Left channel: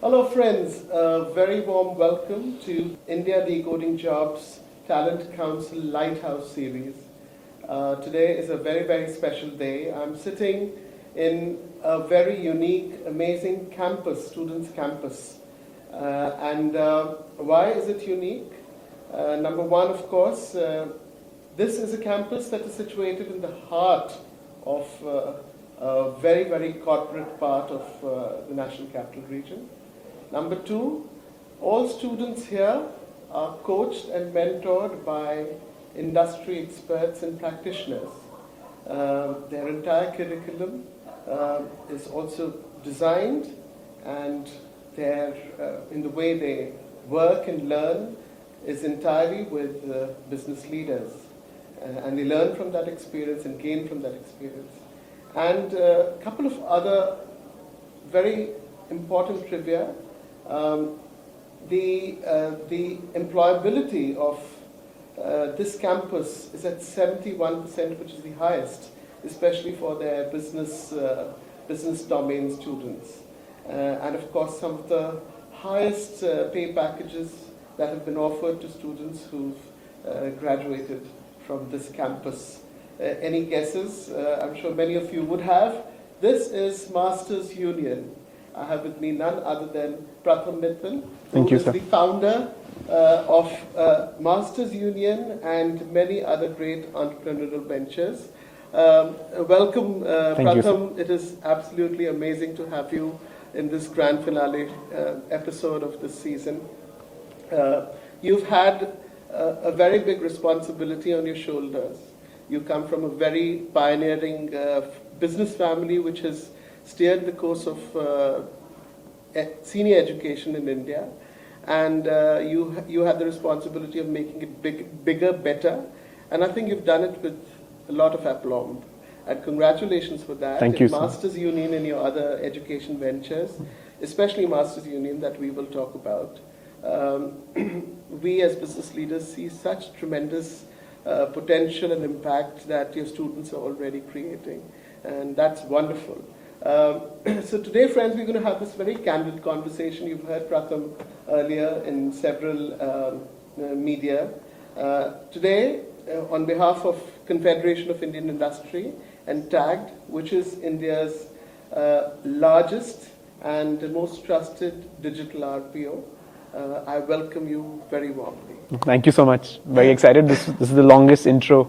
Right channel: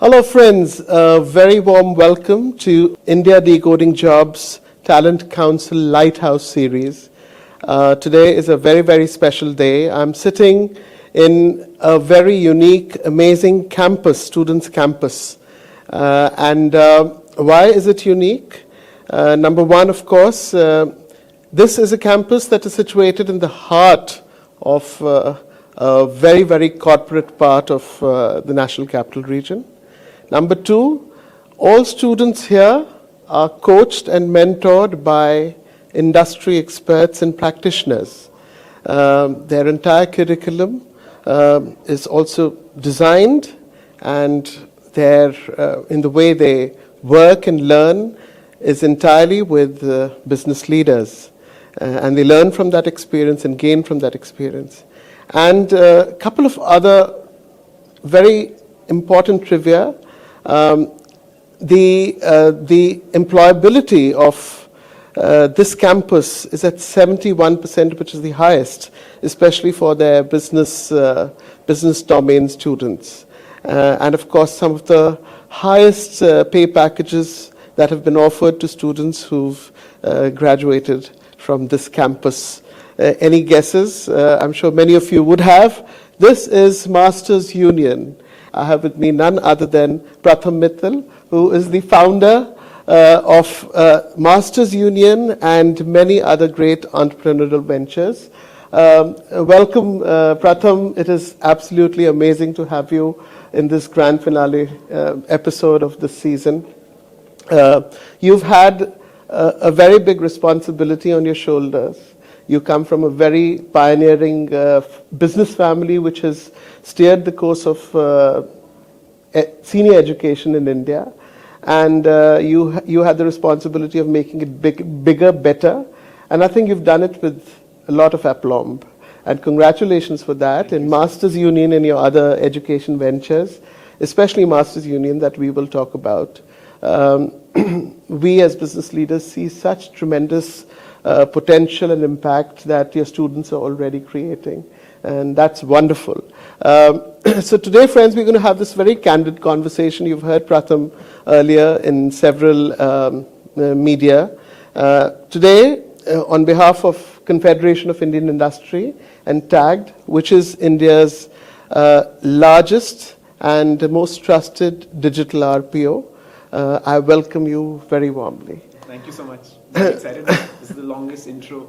Hello friends, a very warm welcome to India Decoding Jobs Talent Council Lighthouse Series. Today is a very, very special day. I'm sitting in a very unique, amazing campus, students' campus. Why is it unique? Number one, of course, this is a campus that is situated in the heart of a very, very corporate part of the National Capital Region. Number two, all students here are coached and mentored by industry experts and practitioners. Their entire curriculum is also designed, and in the way they work and learn is entirely with business leaders. And they learn from that experience and gain from that experience. And a couple of other very important trivia. The employability of this campus is at 71%, which is the highest, especially for their business domain students. And of course, some of the highest pay packages that have been offered to students who've graduated from this campus. Any guesses? I'm sure many of you would have. This is Masters Union. I have with me none other than Pratham Mittal, who is the founder of Masters Union and many other great entrepreneurial ventures. Welcome, Pratham. It is absolutely amazing to have you in this grand finale episode of this season. You've had a very big responsibility on your shoulders. You come from a very pioneering business family which has steered the course of senior education in India, and you had the responsibility of making it bigger, better, and I think you've done it with a lot of aplomb. And congratulations for that. Thank in you, Masters Union and your other education ventures, especially Masters Union that we will talk about. We as business leaders see such tremendous potential and impact that your students are already creating, and that's wonderful. So today, friends, we're going to have this very candid conversation. You've heard Pratham earlier in several media. Today, on behalf of Confederation of Indian Industry and TAGD, which is India's largest and most trusted digital RPO, I welcome you very warmly. Thank you so much. Very excited. This is the longest intro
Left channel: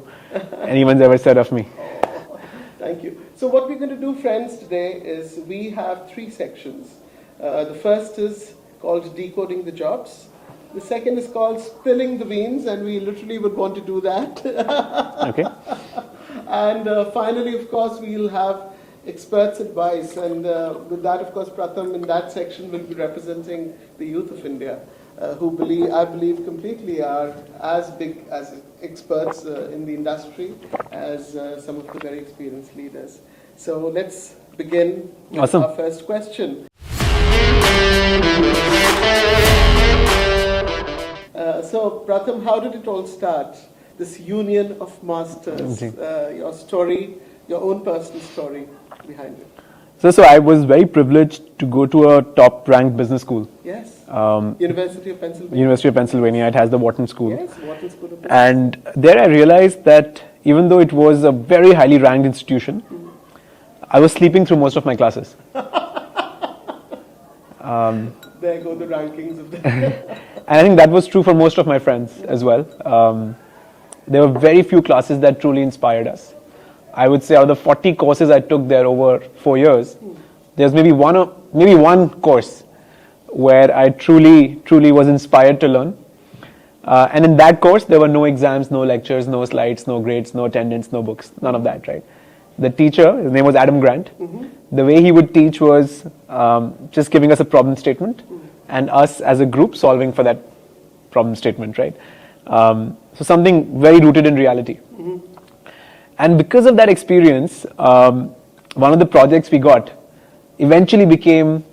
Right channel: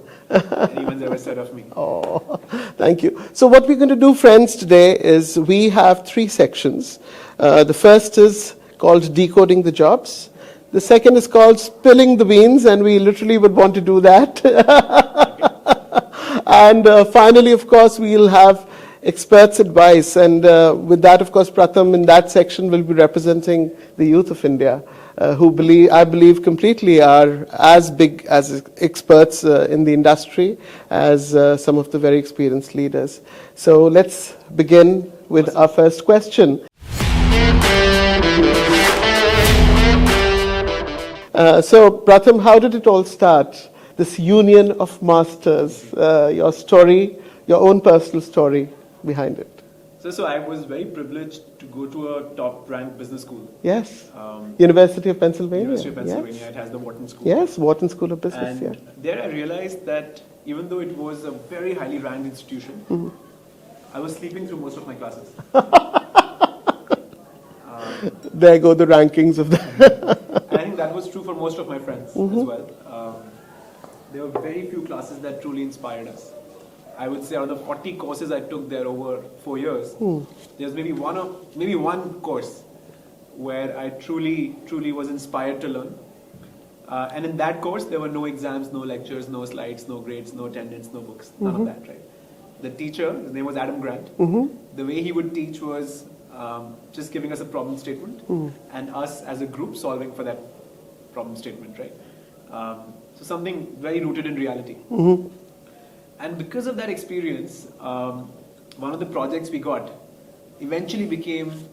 anyone's ever said of me. Oh, thank you. So what we're going to do, friends, today is we have three sections. The first is called Decoding the Jobs. The second is called Spilling the Beans, and we literally would want to do that. Okay. And finally, of course, we'll have experts' advice. And with that, of course, Pratham in that section will be representing the youth of India, who I believe completely are as big as experts in the industry as some of the very experienced leaders. So let's begin with Awesome. our first question. So Pratham, how did it all start? This union of masters, your story, your own personal story behind it. So I was very privileged to go to a top-ranked business school. Yes. University of Pennsylvania. University of Pennsylvania. Yes. It has the Wharton School. Yes, Wharton School of Business. And there I realized that even though it was a very highly ranked institution, I was sleeping through most of my classes. There go the rankings of that. And I think that was true for most of my friends as well. There were very few classes that truly inspired us. I would say out of the 40 courses I took there over 4 years, there's maybe one course where I truly was inspired to learn. And in that course, there were no exams, no lectures, no slides, no grades, no attendance, no books, none of that, right? The teacher, his name was Adam Grant. The way he would teach was just giving us a problem statement and us as a group solving for that problem statement, right? So something very rooted in reality. And because of that experience, one of the projects we got eventually became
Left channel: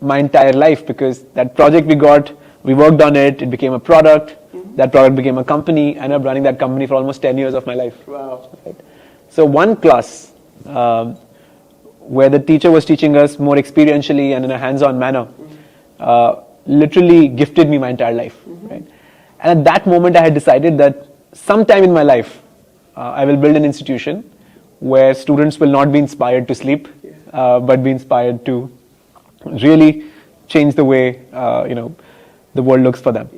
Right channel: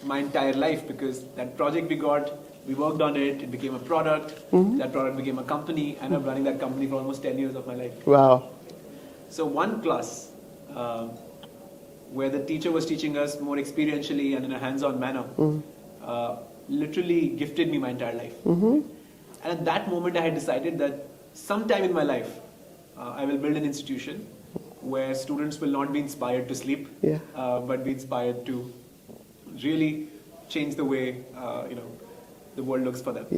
my entire life, because that project we worked on it, it became a product, that product became a company, and I'm running that company for almost 10 years of my life. Wow. Right? So one class where the teacher was teaching us more experientially and in a hands-on manner, literally gifted me my entire life. Right? And at that moment, I had decided that sometime in my life, I will build an institution where students will not be inspired to sleep, but be inspired to really change the way the world looks for them.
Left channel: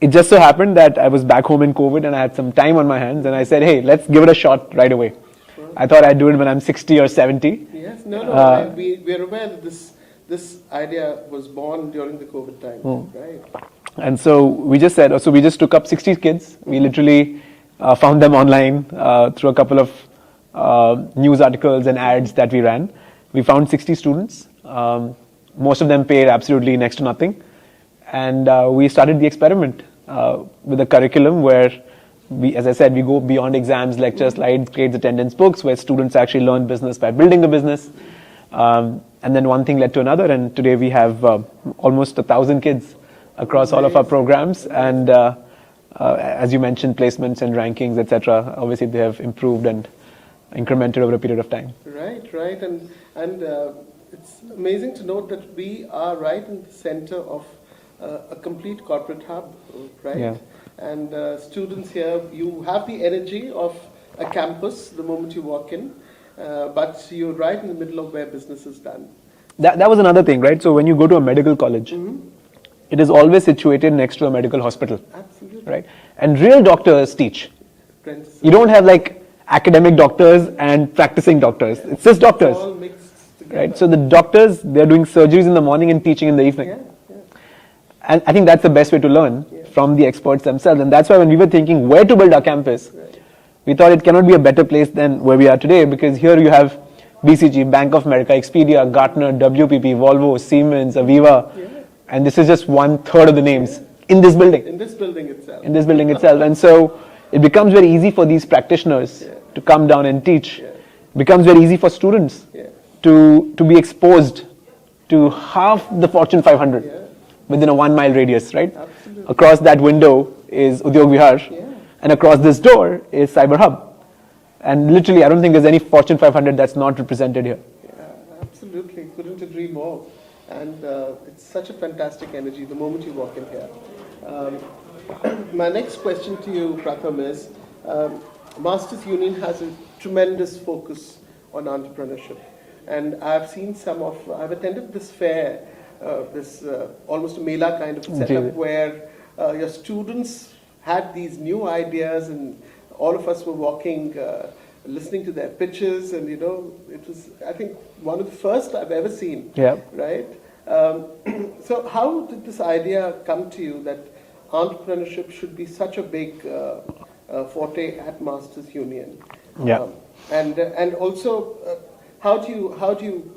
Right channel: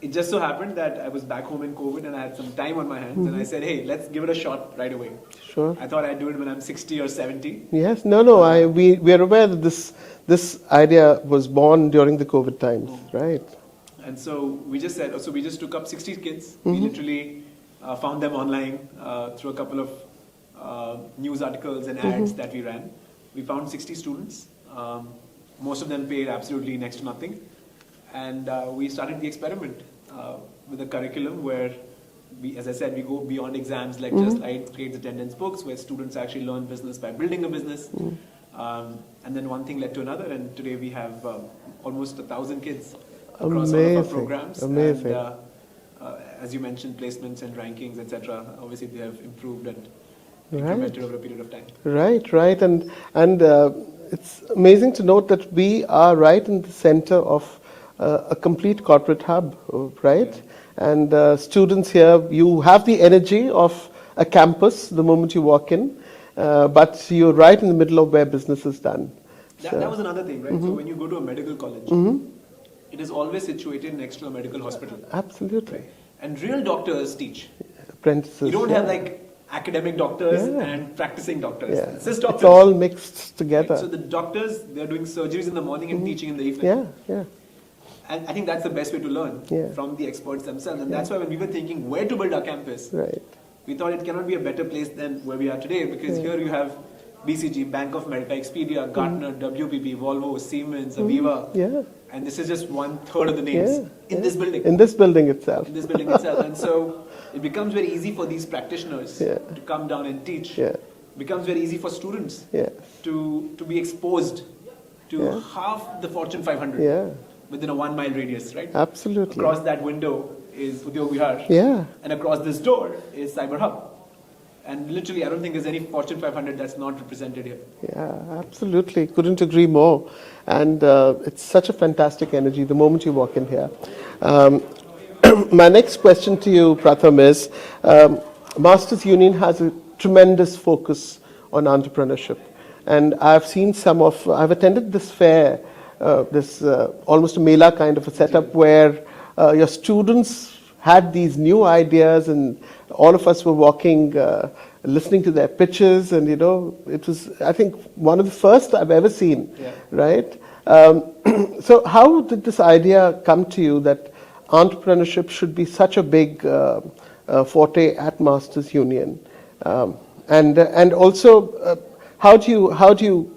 It just so happened that I was back home in COVID and I had some time on my hands, and I said, hey, let's give it a shot right away. Sure. I thought I'd do it when I'm 60 or 70. Yes, we are aware that this idea was born during the COVID times, right? And so we just said, so we just took up 60 kids. We literally found them online through a couple of news articles and ads that we ran. We found 60 students. Most of them paid absolutely next to nothing. And we started the experiment with a curriculum where, as I said, we go beyond exams, lectures, slides, grades, attendance, books, where students actually learn business by building a business. And then one thing led to another, and today we have almost 1,000 kids across all of our programs. And as you mentioned, placements and rankings, etc. Obviously, they have improved and incremented over a period of time. Right. And it's amazing to note that we are right in the center of a complete corporate hub, right? Yeah. And students here, you have the energy of a campus the moment you walk in, but you're right in the middle of where business is done. That was another thing, right? So when you go to a medical college, it is always situated next to a medical hospital. Absolutely. Right? And real doctors teach. Apprentices. You don't have like academic doctors and practicing doctors. It's just doctors. It's all mixed together. Right? So the doctors, they're doing surgeries in the morning and teaching in the evening. Yeah. And I think that's the best way to learn from the experts themselves. And that's why when we were thinking where to build our campus, we thought it cannot be a better place than where we are today, because here you have BCG, Bank of America, Expedia, Gartner, WPP, Volvo, Siemens, Aviva. And this is just 1/3 of the names in this building. In this building itself. And so it becomes very easy for these practitioners to come down and teach. It becomes very easy for students to be exposed to half the Fortune 500 within a 1 mile radius, right? Absolutely. Across that window is Udyog Vihar, and across this door is Cyber Hub. And literally, I don't think there's any Fortune 500 that's not represented here. Yeah, absolutely. Couldn't agree more. And it's such a fantastic energy the moment you walk in here. My next question to you, Pratham, is Masters Union has a tremendous focus on entrepreneurship. And I've attended this fair, this almost a Mela kind of a setup where your students had these new ideas, and all of us were walking, listening to their pitches, and it was, I think, one of the first I've ever seen. Right? So how did this idea come to you that entrepreneurship should be such a big forte at Masters Union? And also, how do you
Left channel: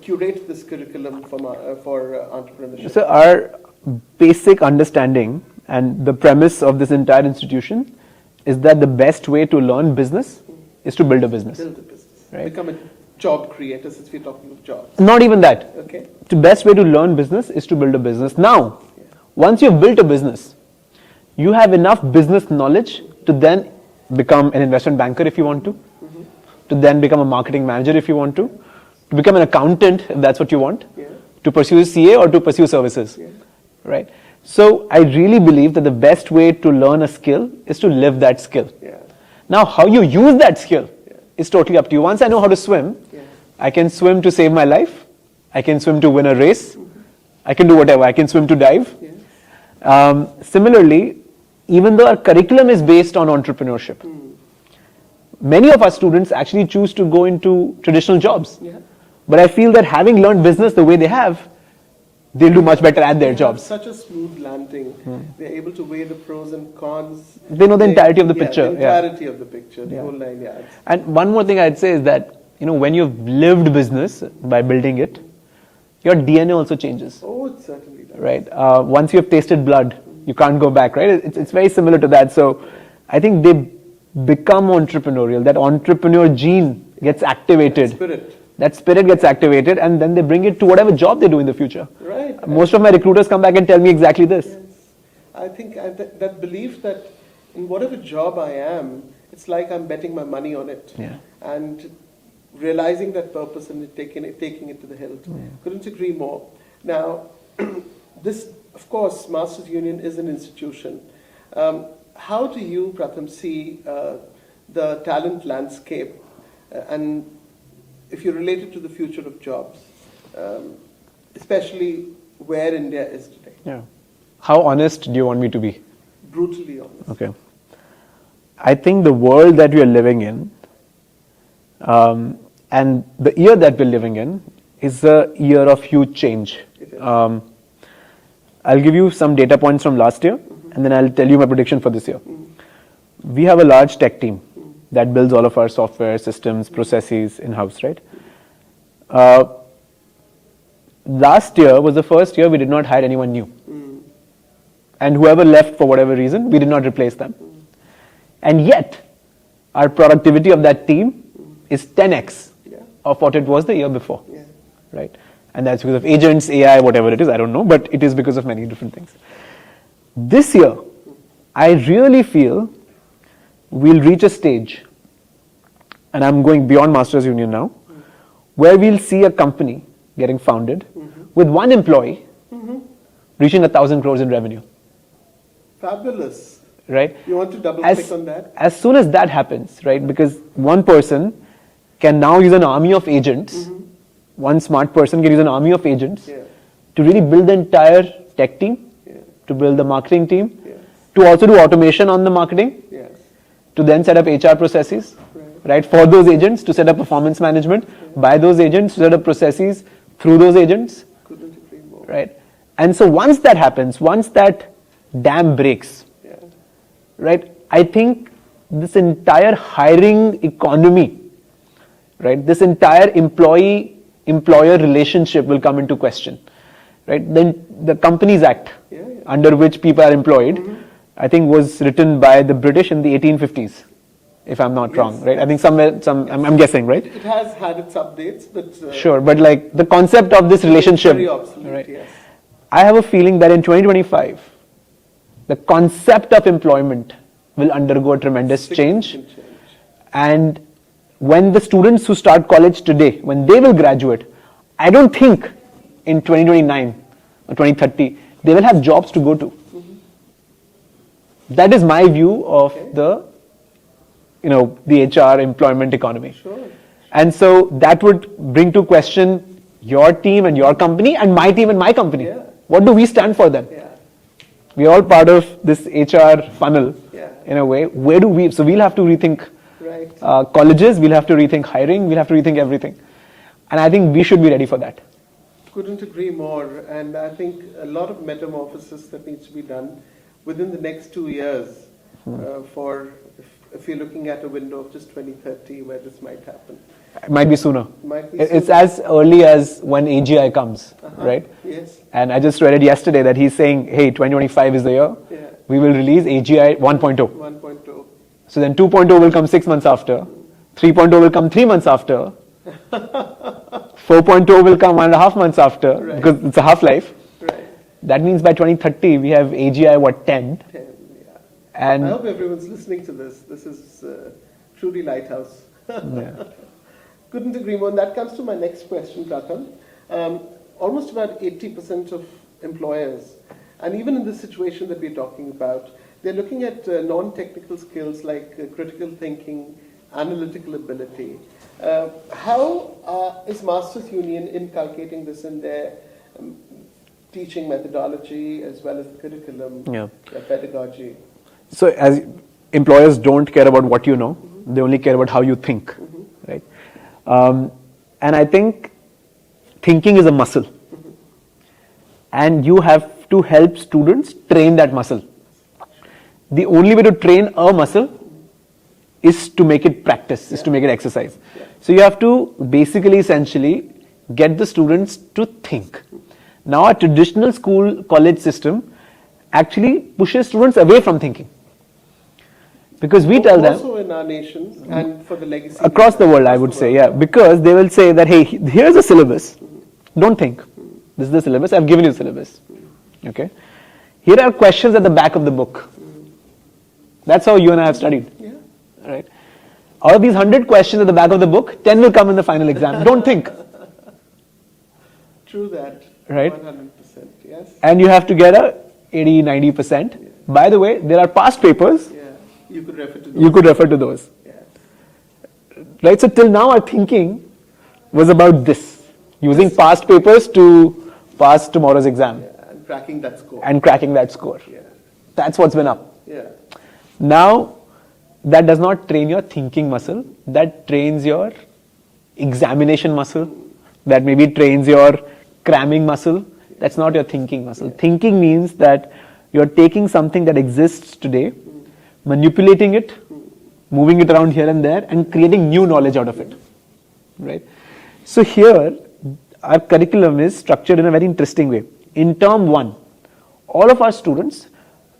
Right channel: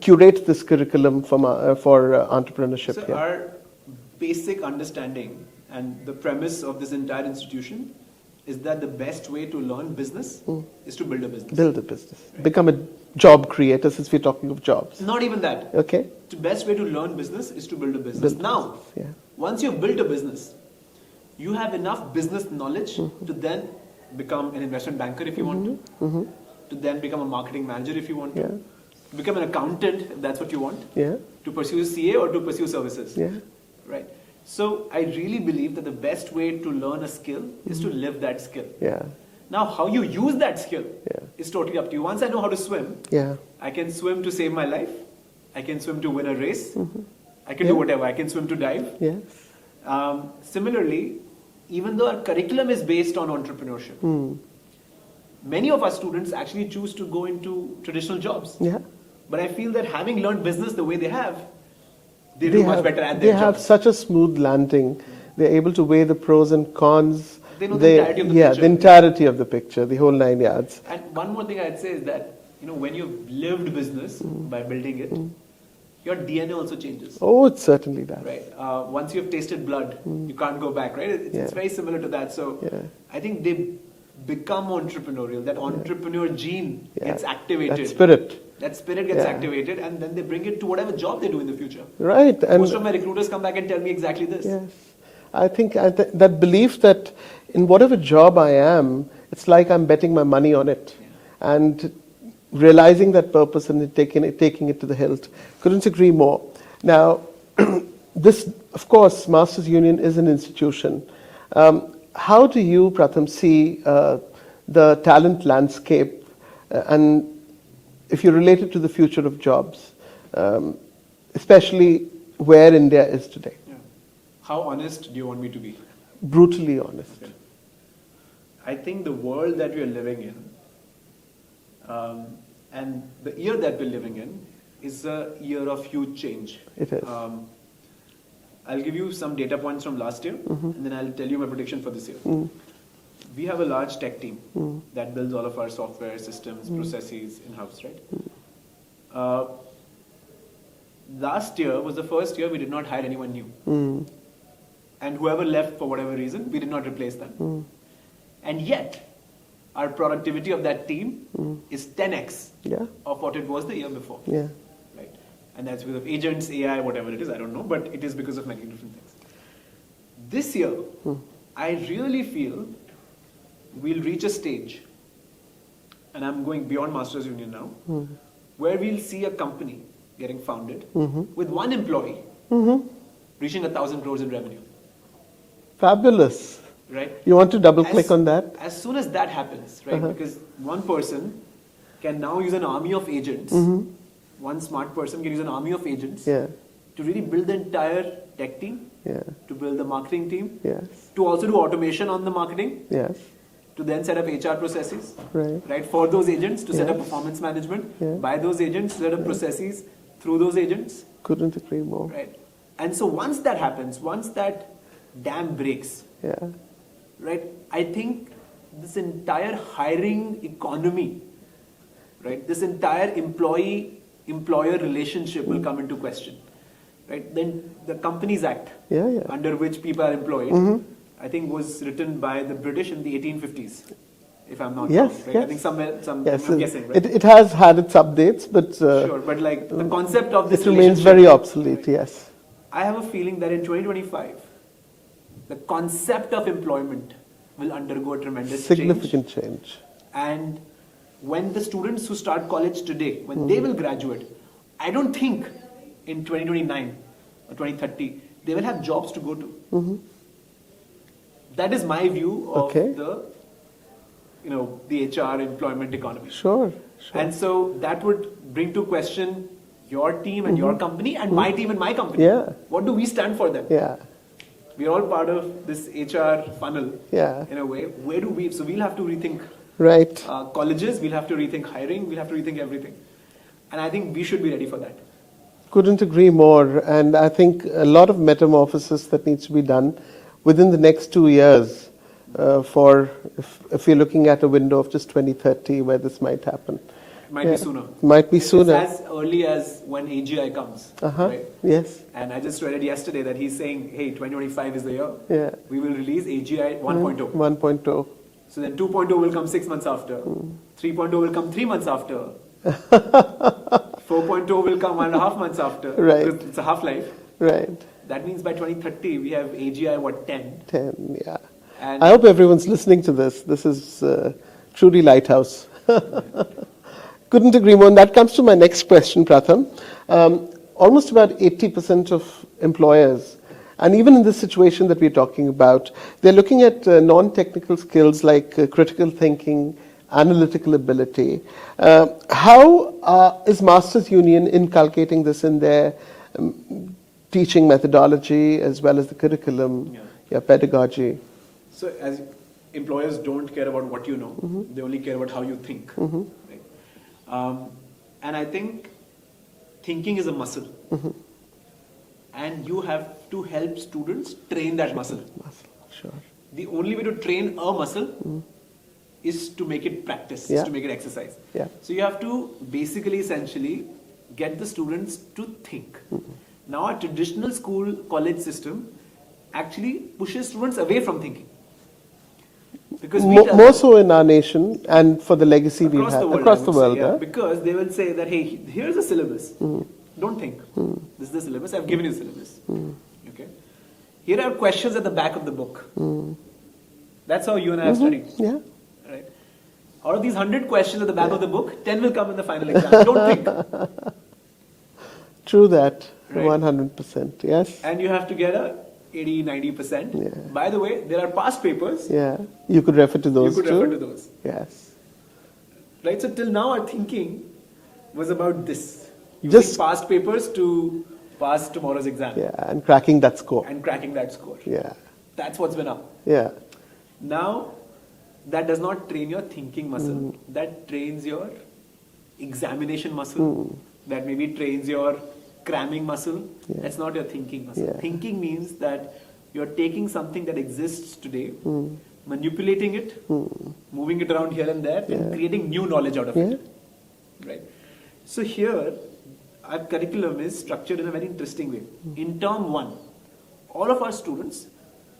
curate this curriculum for entrepreneurship? So our basic understanding and the premise of this entire institution is that the best way to learn business is to build a business. Build a business. Right? Become a job creator, since we're talking of jobs. Not even that. Okay. The best way to learn business is to build a business. Now, once you've built a business, you have enough business knowledge to then become an investment banker if you want to then become a marketing manager if you want to become an accountant if that's what you want, to pursue CA or to pursue services. Right? So I really believe that the best way to learn a skill is to live that skill. Now, how you use that skill is totally up to you. Once I know how to swim, I can swim to save my life. I can swim to win a race. I can do whatever. I can swim to dive. Similarly, even though our curriculum is based on entrepreneurship, many of our students actually choose to go into traditional jobs. But I feel that having learned business the way they have, they'll do much better at their jobs. They have such a smooth landing. They're able to weigh the pros and cons. They know the entirety of the picture. The entirety of the picture, the whole 9 yards. And one more thing I'd say is that, when you've lived business by building it, your DNA also changes. Oh, it certainly does. Right. Once you've tasted blood, you can't go back, right? It's very similar to that. So I think they become entrepreneurial. That entrepreneur gene gets activated. That spirit gets activated, and then they bring it to whatever job they do in the future. Right. Most of my recruiters come back and tell me exactly this. I think that belief that in whatever job I am, it's like I'm betting my money on it. And realizing that purpose and taking it to the hilt. Couldn't agree more. Now, this, of course, Masters Union is an institution. How do you, Pratham, see the talent landscape and if you relate it to the future of jobs, especially where India is today? Yeah. How honest do you want me to be? Brutally honest. Okay. I think the world that we are living in and the year that we're living in is a year of huge change. It is. I'll give you some data points from last year and then I'll tell you my prediction for this year. We have a large tech team that builds all of our software, systems, processes in-house, right? Last year was the first year we did not hire anyone new. And whoever left for whatever reason, we did not replace them. And yet, our productivity of that team is 10x of what it was the year before. Yeah. Right? And that's because of agents, AI, whatever it is, I don't know, but it is because of many different things. This year, I really feel we'll reach a stage, and I'm going beyond Masters Union now, where we'll see a company getting founded with one employee reaching 1,000 crores in revenue. Fabulous. Right? You want to double click on that? As soon as that happens, right? Because one person can now use an army of agents, one smart person can use an army of agents to really build the entire tech team, to build the marketing team, to also do automation on the marketing, to then set up HR processes, right, for those agents, to set up performance management by those agents, to set up processes through those agents. Couldn't agree more. Right? And so once that happens, once that dam breaks, right, I think this entire hiring economy, right, this entire employee-employer relationship will come into question. Right? Then the Companies Act, under which people are employed, I think was written by the British in the 1850s, if I'm not wrong, right? I think somewhere, I'm guessing, right? It has had its updates, but... sure, but like the concept of this relationship... very obsolete, right? Yes. I have a feeling that in 2025, the concept of employment will undergo a tremendous change. And when the students who start college today, when they will graduate, I don't think in 2029 or 2030, they will have jobs to go to. That is my view of the HR employment economy. Sure. And so that would bring to question your team and your company and my team and my company. What do we stand for then? We're all part of this HR funnel in a way. Where do we, so we'll have to rethink colleges, we'll have to rethink hiring, we'll have to rethink everything. And I think we should be ready for that. Couldn't agree more. And I think a lot of metamorphosis that needs to be done within the next 2 years for, if you're looking at a window of just 2030 where this might happen. It might be sooner. Might be sooner. It's as early as when AGI comes, right? Yes. And I just read it yesterday that he's saying, hey, 2025 is the year. We will release AGI 1.0. 1.0. So then 2.0 will come 6 months after. 3.0 will come 3 months after. 4.0 will come 1.5 months after. Because it's a half-life. That means by 2030 we have AGI 10? 10, yeah. And I hope everyone's listening to this. This is truly Lighthouse. Couldn't agree more. And that comes to my next question, Pratham. Almost about 80% of employers, and even in this situation that we're talking about, they're looking at non-technical skills like critical thinking, analytical ability. How is Masters Union inculcating this in their teaching methodology as well as the curriculum, pedagogy? So as employers don't care about what you know, they only care about how you think, right? And I think thinking is a muscle. And you have to help students train that muscle. The only way to train a muscle is to make it practice, is to make it exercise. So you have to basically, essentially, get the students to think. Now, a traditional school, college system actually pushes students away from thinking. Because we tell them, more so in our nation and for the legacy across the world, I would say, because they will say that, hey, here's a syllabus. Don't think. This is the syllabus. I've given you the syllabus. Okay. Here are questions at the back of the book. That's how you and I have studied. Right. Out of these 100 questions at the back of the book, 10 will come in the final exam. Don't think. True that. Right? 100%. Yes. And you have to get a 80, 90%. Yeah. By the way, there are past papers. Yeah. You could refer to those. You could too. refer to those. Yes. Right? So till now, our thinking was about this. Using past papers to pass tomorrow's exam. Yeah. And cracking that score. And cracking that score. Yeah. That's what's been up. Yeah. Now, that does not train your thinking muscle. That trains your examination muscle. That maybe trains your cramming muscle. Yeah. That's not your thinking muscle. Yeah. Thinking means that you're taking something that exists today, manipulating it, moving it around here and there, and creating new knowledge out of it. Right? So here, our curriculum is structured in a very interesting way. In term 1, all of our students,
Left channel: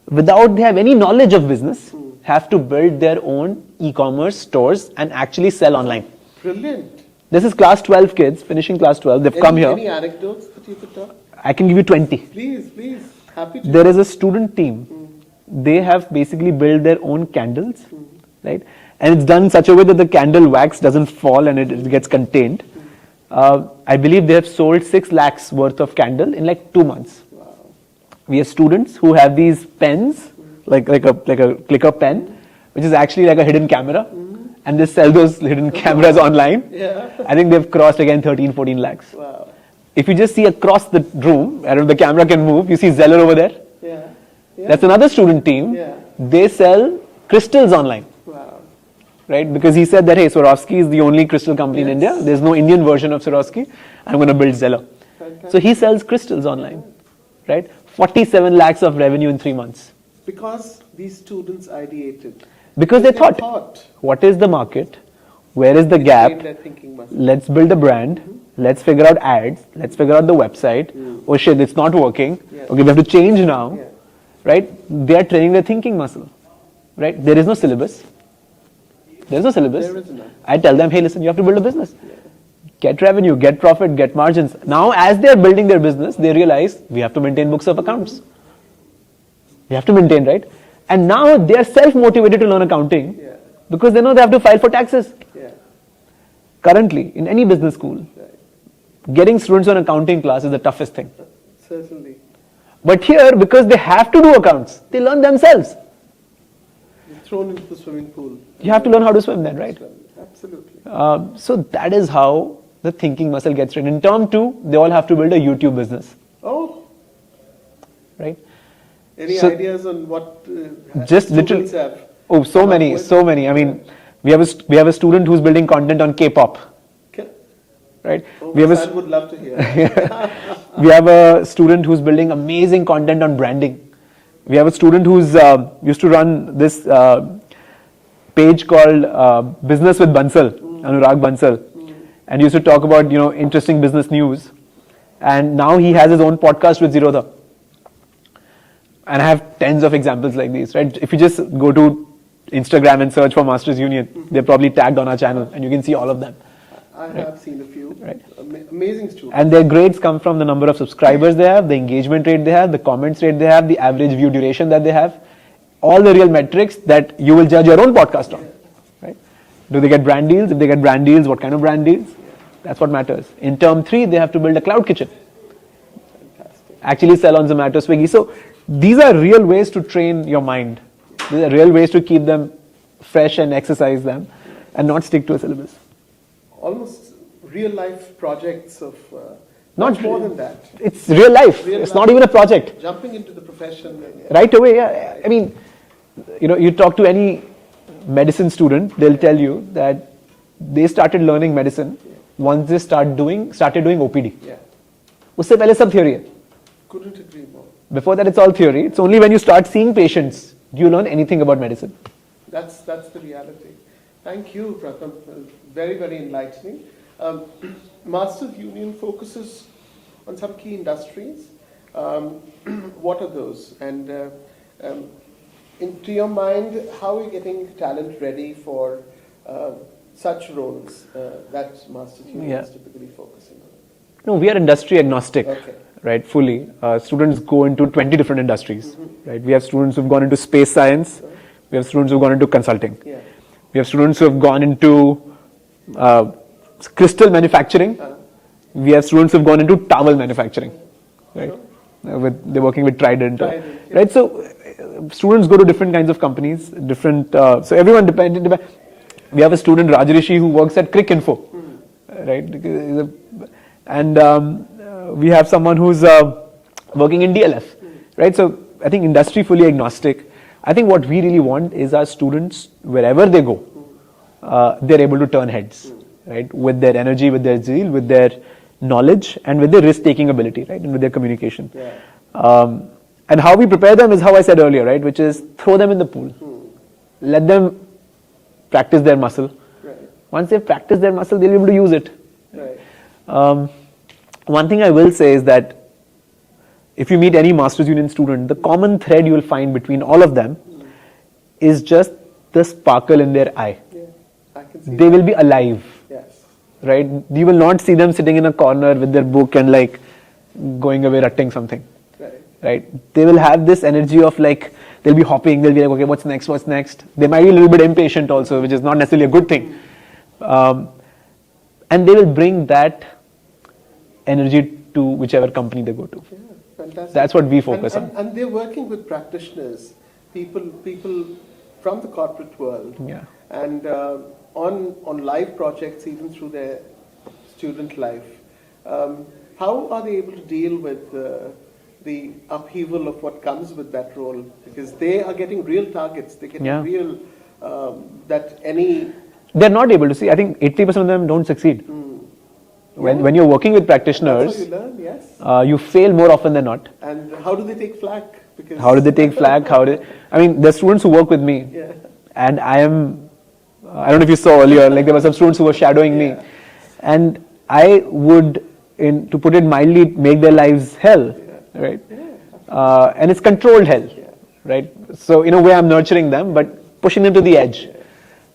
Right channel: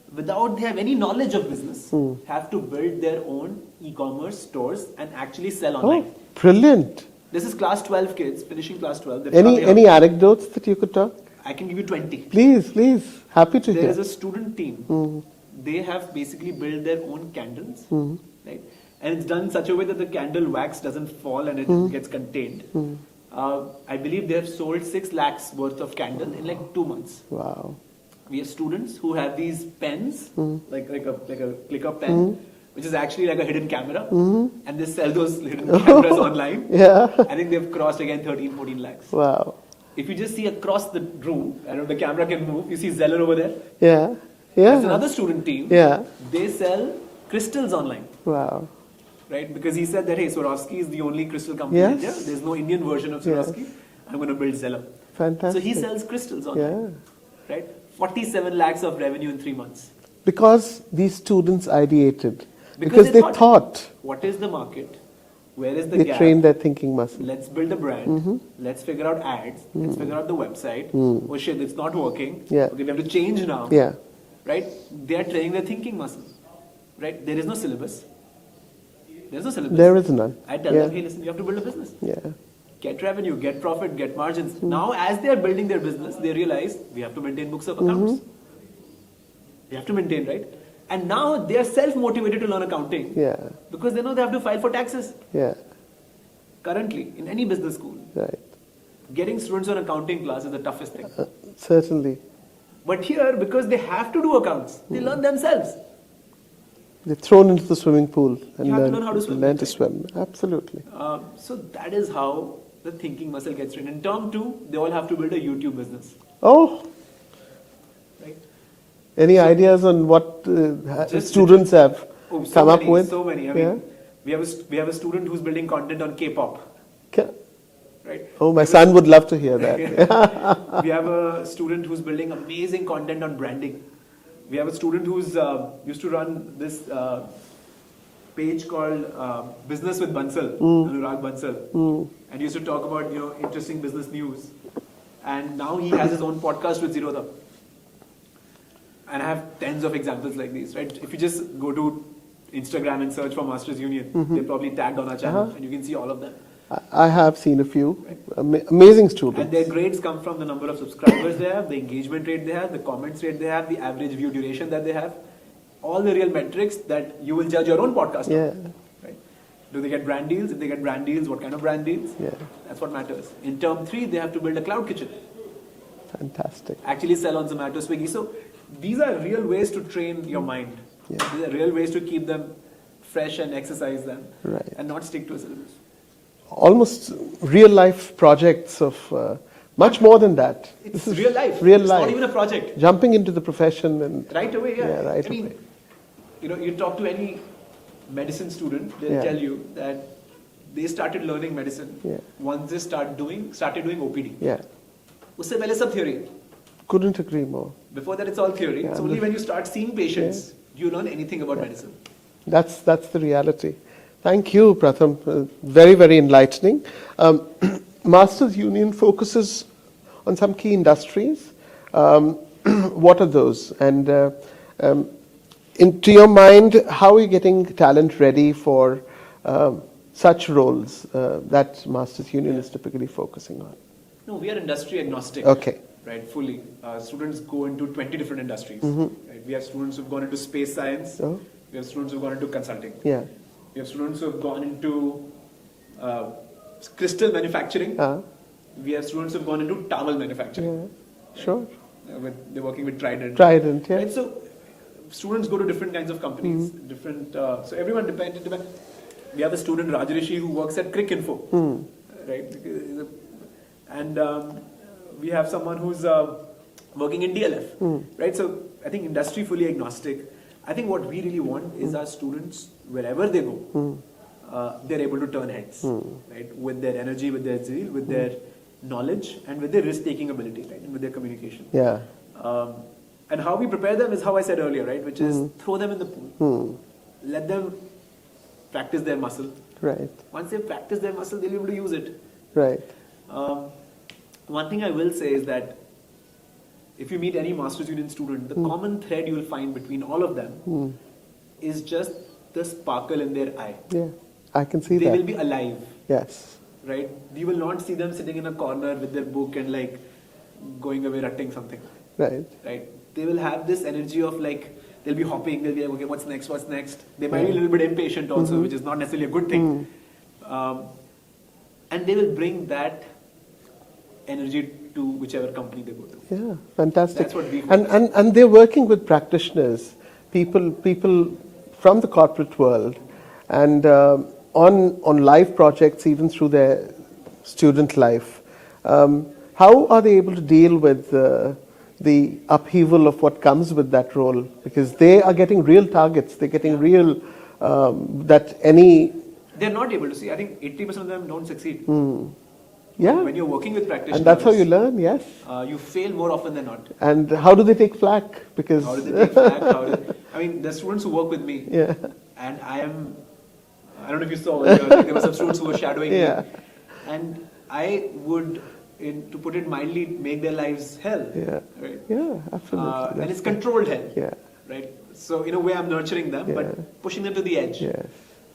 without they have any knowledge of business, have to build their own e-commerce stores and actually sell online. Brilliant. This is class 12 kids, finishing class 12. They've come here. Any anecdotes that you could talk? I can give you 20. Please, please. Happy to. There is a student team. They have basically built their own candles, right? And it's done in such a way that the candle wax doesn't fall and it gets contained. I believe they have sold 6 lakhs worth of candle in like 2 months. Wow. We have students who have these pens, like a clicker pen, which is actually like a hidden camera, and they sell those hidden cameras online. Yeah. I think they've crossed again 13, 14 lakhs. Wow. If you just see across the room, I don't know if the camera can move, you see Zeller over there. Yeah. Yeah. That's another student team. Yeah. They sell crystals online. Wow. Right? Because he said that, hey, Swarovski is the only crystal company in India. There's no Indian version of Swarovski. I'm going to build Zeller. Fantastic. So he sells crystals online. Right? 47 lakhs of revenue in 3 months. Because these students ideated. Because they thought, what is the market? Where is the they gap? trained their thinking muscle. Let's build a brand. Let's figure out ads. Let's figure out the website. Oh shit, it's not working. Yeah. Okay, we have to change now. Yeah. Right? They are training their thinking muscle. Right? There is no syllabus. There's no syllabus. There is none. I tell them, hey, listen, you have to build a business. Yeah. Get revenue, get profit, get margins. Now, as they're building their business, they realize we have to maintain books of accounts. We have to maintain, right? And now they are self-motivated to learn accounting because they know they have to file for taxes. Yeah. Currently, in any business school, getting students on accounting class is the toughest thing. Certainly. But here, because they have to do accounts, they learn themselves. They're thrown into the swimming pool. You have to learn how to swim then, to right? swim. Absolutely. So that is how the thinking muscle gets trained. In term 2, they all have to build a YouTube business. Oh. Right? Any ideas on what students have? Oh, so many. I mean, we have a student who's building content on K-pop. Right? Oh, my son would love to hear that. We have a student who's building amazing content on branding. We have a student who's used to run this page called Business with Bansal, Anurag Bansal, and used to talk about interesting business news. And now he has his own podcast with Zerodha. And I have tens of examples like these, right? If you just go to Instagram and search for Masters Union, they're probably tagged on our channel, and you can see all of them. I have seen a few. Right. Amazing students. And their grades come from the number of subscribers they have, the engagement rate they have, the comments rate they have, the average view duration that they have. All the real metrics that you will judge your own podcast on. Right? Do they get brand deals? If they get brand deals, what kind of brand deals? That's what matters. In term 3, they have to build a cloud kitchen. Fantastic. Actually sell on Zomato, Swiggy. So these are real ways to train your mind. These are real ways to keep them fresh and exercise them and not stick to a syllabus. Almost real life projects of much more than that. It's real life. It's not even a project. Jumping into the profession and right away. I mean, you talk to any medicine student, they'll tell you that they started learning medicine once they started doing OPD. Usse pehle sab theory hai. Couldn't agree more. Before that, it's all theory. It's only when you start seeing patients do you learn anything about medicine. That's the reality. Thank you, Pratham. Very, very enlightening. Masters Union focuses on some key industries. What are those? And to your mind, how are you getting talent ready for such roles that Masters Union is typically focusing on? No, we are industry agnostic. Okay. Right, fully. Students go into 20 different industries. Right, we have students who've gone into space science. We have students who've gone into consulting. We have students who have gone into crystal manufacturing. We have students who have gone into towel manufacturing. Right? Sure. They're working with Trident. Trident, yeah. Right? So students go to different kinds of companies, different. So everyone dependent. We have a student, Rajrishi, who works at Cricinfo, right? And we have someone who's working in DLF, right? So I think industry fully agnostic. I think what we really want is our students, wherever they go, they're able to turn heads, right? With their energy, with their zeal, with their knowledge, and with their risk-taking ability, right? And with their communication. Yeah. And how we prepare them is how I said earlier, right? Which is throw them in the pool. Let them practice their muscle. Right. Once they practice their muscle, they'll be able to use it. Right. One thing I will say is that if you meet any Masters Union student, the common thread you will find between all of them is just the sparkle in their eye. Yeah, I can see They that. will be alive. Yes. Right? You will not see them sitting in a corner with their book and like going away writing something. Right. Right? They will have this energy of like, they'll be hopping, they'll be like, okay, what's next, what's next? They might be a little bit impatient also, which is not necessarily a good thing. And they will bring that energy to whichever company they go to. Yeah, fantastic. That's what we focus on. And they're working with practitioners, people from the corporate world, and on live projects, even through their student life. How are they able to deal with the upheaval of what comes with that role? Because they are getting real targets. They're getting real that any. They're not able to see. I think 80% of them don't succeed. When you're working with practitioners, and that's how you learn. Yes. You fail more often than not. And how do they take flack? Because how do they take flack? I mean, there's students who work with me, and I don't know if you saw earlier, like there were some students who were shadowing me, and I would, to put it mildly, make their lives hell, right? Yeah, absolutely. And it's controlled hell, right? So in a way, I'm nurturing them, but pushing them to the edge.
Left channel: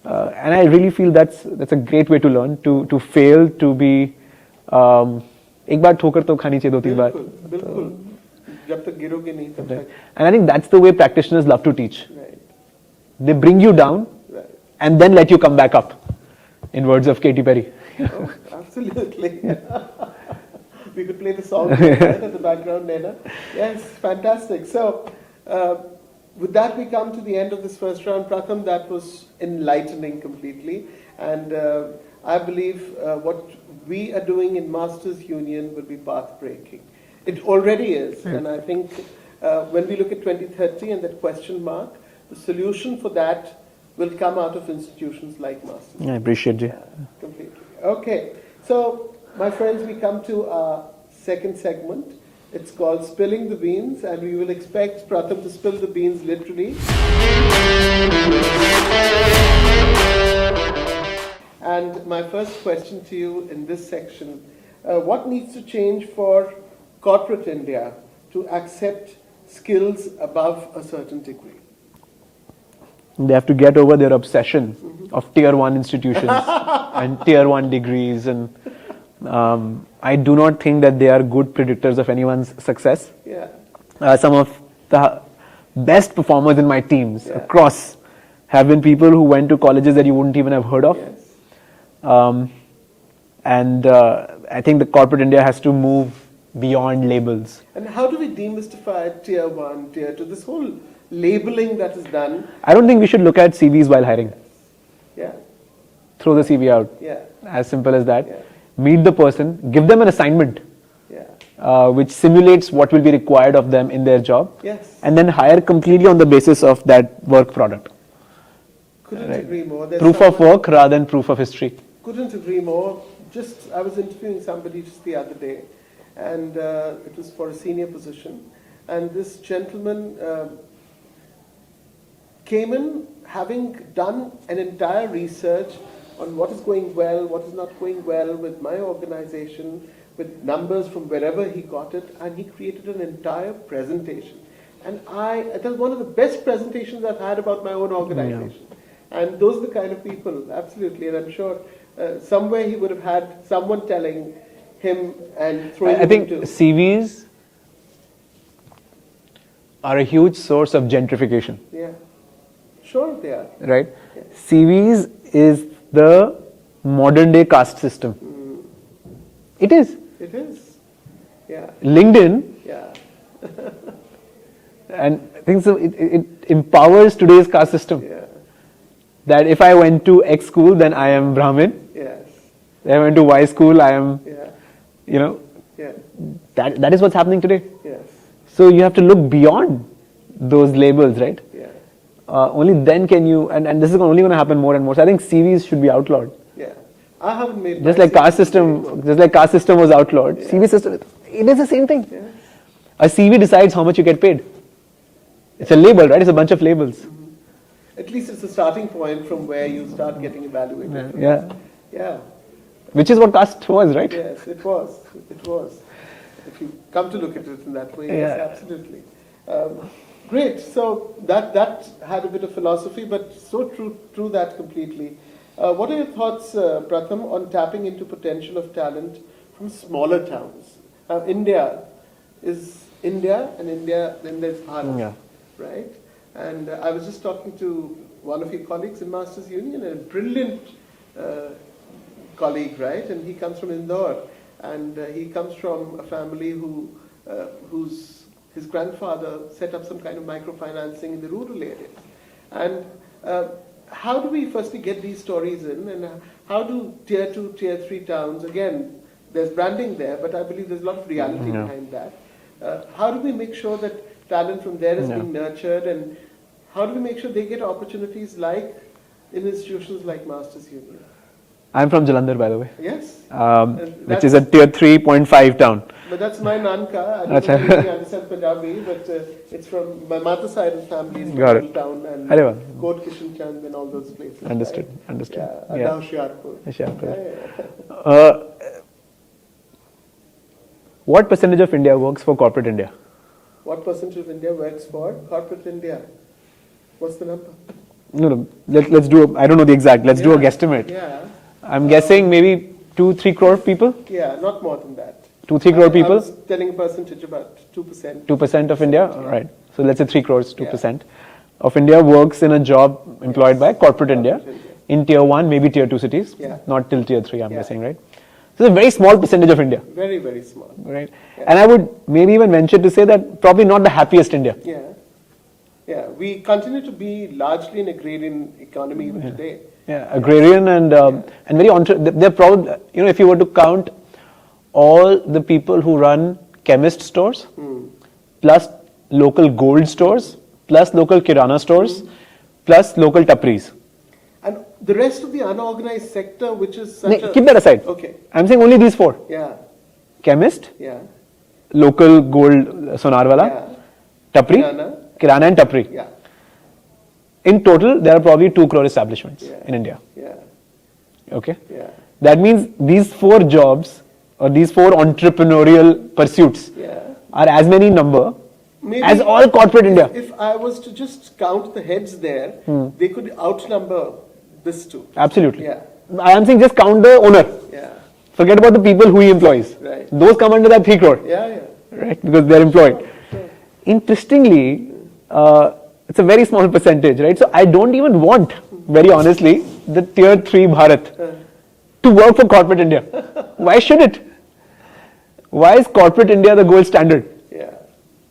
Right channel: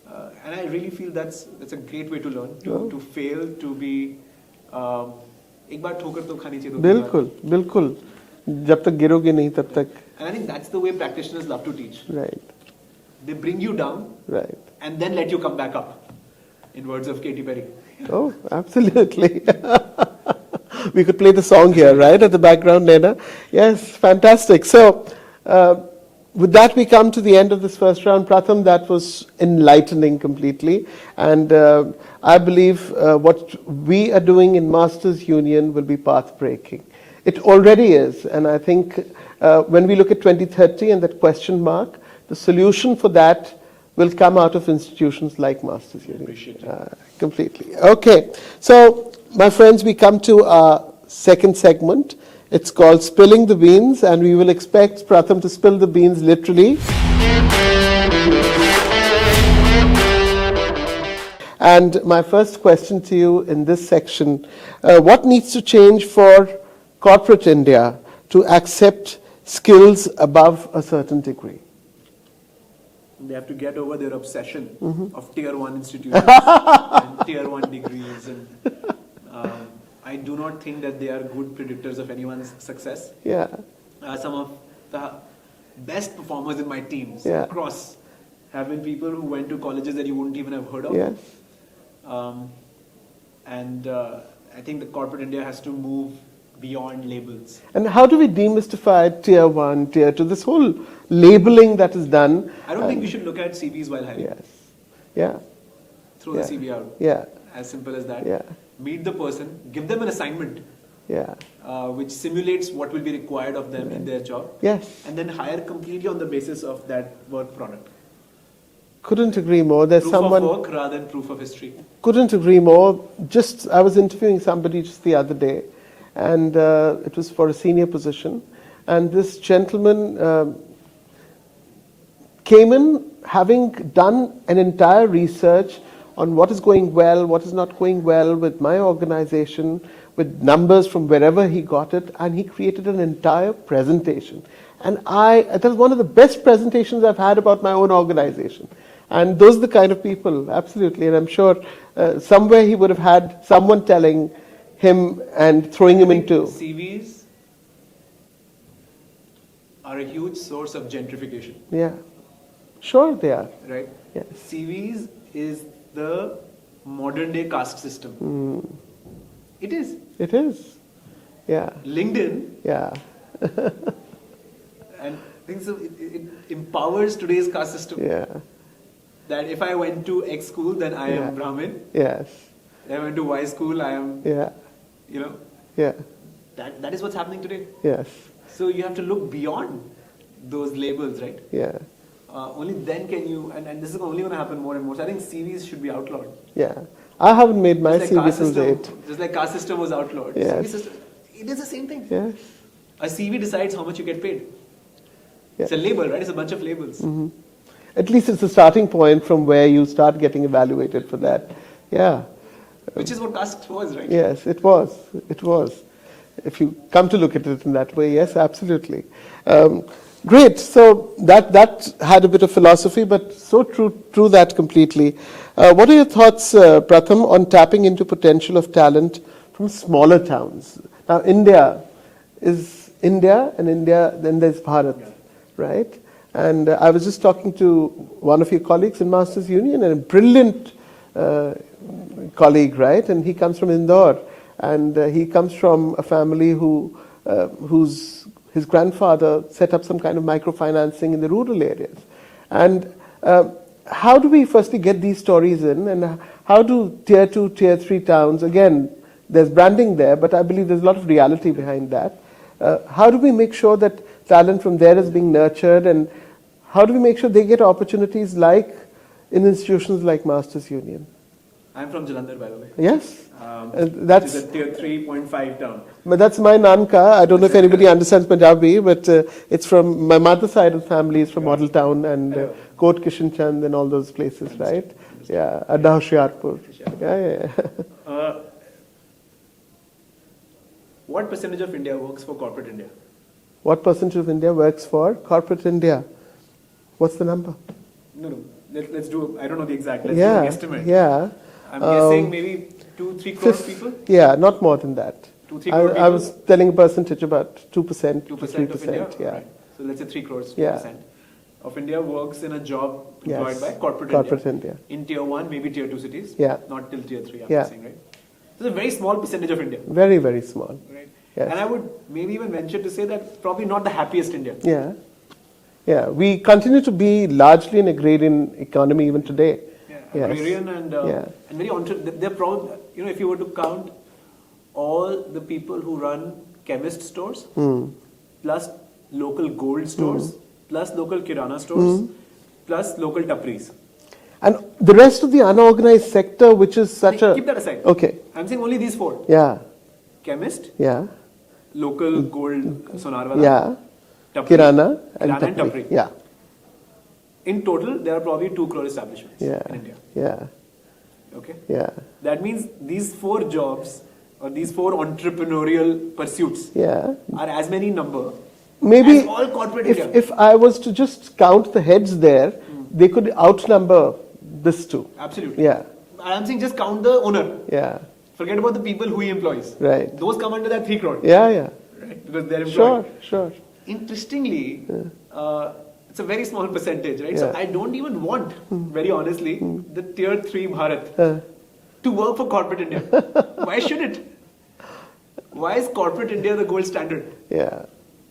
And I really feel that's a great way to learn, to fail, to be. एक बार ठोकर तो खानी चाहिए 2-3 बार. बिल्कुल. जब तक गिरोगे नहीं तब तक. And I think that's the way practitioners love to teach. Right. They bring you down, and then let you come back up. In words of Katy Perry. Oh, absolutely. We could play the song here, right, at the background, Nena. Yes, fantastic. So, with that, we come to the end of this first round. Pratham, that was enlightening completely. And I believe what we are doing in Masters Union will be path-breaking. It already is. And I think when we look at 2030 and that question mark, the solution for that will come out of institutions like Masters Union. I appreciate you. Completely. Okay. So, my friends, we come to our second segment. It's called Spilling the Beans, and we will expect Pratham to spill the beans literally. And my first question to you in this section, what needs to change for corporate India to accept skills above a certain degree? They have to get over their obsession of tier 1 institutions and tier 1 degrees. And I do not think that they are good predictors of anyone's success. Yeah. Some of the best performers in my teams across have been people who went to colleges that you wouldn't even have heard of. Yes. And I think the corporate India has to move beyond labels. And how do we demystify tier 1, tier 2, this whole labeling that is done? I don't think we should look at CVs while hiring. Yes. Yeah. Throw the CV out. Yeah. As simple as that. Yeah. Meet the person, give them an assignment, which simulates what will be required of them in their job, and then hire completely on the basis of that work product. Couldn't agree more. There's proof of work rather than proof of history. Couldn't agree more. I was interviewing somebody just the other day, and it was for a senior position, and this gentleman came in having done an entire research on what is going well, what is not going well with my organization, with numbers from wherever he got it, and he created an entire presentation. And that was one of the best presentations I've had about my own organization. And those are the kind of people, absolutely. And I'm sure somewhere he would have had someone telling him and throwing him into. CVs are a huge source of gentrification. Yeah. Sure, they are. right? Yes. CVs is the modern day caste system. It is. It is. Yeah. LinkedIn, Yeah. and I think so. It empowers today's caste system. Yeah. That if I went to X school, then I am Brahmin. Yes. If I went to Y school, I am, Yeah. you know, Yeah. that is what's happening today. Yes. So you have to look beyond those labels, right? Yeah. Only then can you, and this is only going to happen more and more. So I think CVs should be outlawed. Yeah. I haven't made my Just like CV caste till system, date. just like caste system was outlawed, Yeah. CV system, it is the same thing. Yes. A CV decides how much you get paid. It's a Yeah. label, right? It's a bunch of labels. At least it's a starting point from where you start getting evaluated for that. Yeah. Which is what caste was, right? Yes, it was. It was. If you come to look at it in that way, yes, Yeah. absolutely. Great. So that had a bit of philosophy, but so true that completely. What are your thoughts, Pratham, on tapping into potential of talent from smaller towns? Now, India is India, and then there's Bharat, Yeah. right? And I was just talking to one of your colleagues in Masters Union, and a brilliant colleague, right? And he comes from Indore, and he comes from a family whose his grandfather set up some kind of microfinancing in the rural areas. And how do we firstly get these stories in, and how do tier 2, tier 3 towns, again, there's branding there, but I believe there's a lot of reality behind that. How do we make sure that talent from there is being nurtured, and how do we make sure they get opportunities like in institutions like Masters Union? I'm from Jalandhar, by the way. Yes? Which is a tier 3.5 town. But that's my Nanka. I don't know if anybody understands Punjabi, but it's from my mother's side of the family is from Got it. Model Town and Arey wah. Kot Kishan Chand and all those places, Understood, right? understood. Yeah, Adda Hoshiarpur. Hoshiarpur. Yeah. What percentage of India works for corporate India? What percentage of India works for corporate India? What's the number? No, let's do, I don't know the exact, let's do a guesstimate. Yeah. I'm guessing maybe 2-3 crore people? Yeah, not more than that. 2-3 crore people? I was telling a percentage about 2%. 2% of India? Yeah. Right. So let's say 3 crores, 2% Yeah. of India works in a job employed Yes. by corporate India. India. In tier 1, maybe tier 2 cities. Yeah. Not till tier 3, I'm Yeah. guessing, right? So it's a very small percentage of India, Very, very small. right? Yes. And I would maybe even venture to say that probably not the happiest India. Yeah. Yeah. We continue to be largely an agrarian economy even today. Yeah, Yes. agrarian and very they're proud. You know, if you were to count all the people who run chemist stores, plus local gold stores, plus local kirana stores, plus local tapris. And the rest of the unorganized sector, which is such a... Keep that aside. Okay. I'm saying only these 4: Yeah. chemist, Yeah. local gold sonarwala, Yeah. tapri, Kirana and tapri. Yeah. In total, there are probably 2 crore establishments Yeah. in India. Yeah. Okay. Yeah. That means these 4 jobs or these 4 entrepreneurial pursuits Yeah. are as many number Maybe as all corporate India. If I was to just count the heads there, they could outnumber this too. Absolutely. Yeah. I am saying just count the owner. Yeah. Forget about the people who he employs. Right. Those come under that 3 crore. Yeah. Yeah. Right? Because they're employed. Sure. Interestingly, it's a very small percentage, right? So I don't even want, very honestly, the tier 3 Bharat to work for corporate India. Why should it? Why is corporate India the gold standard? Yeah,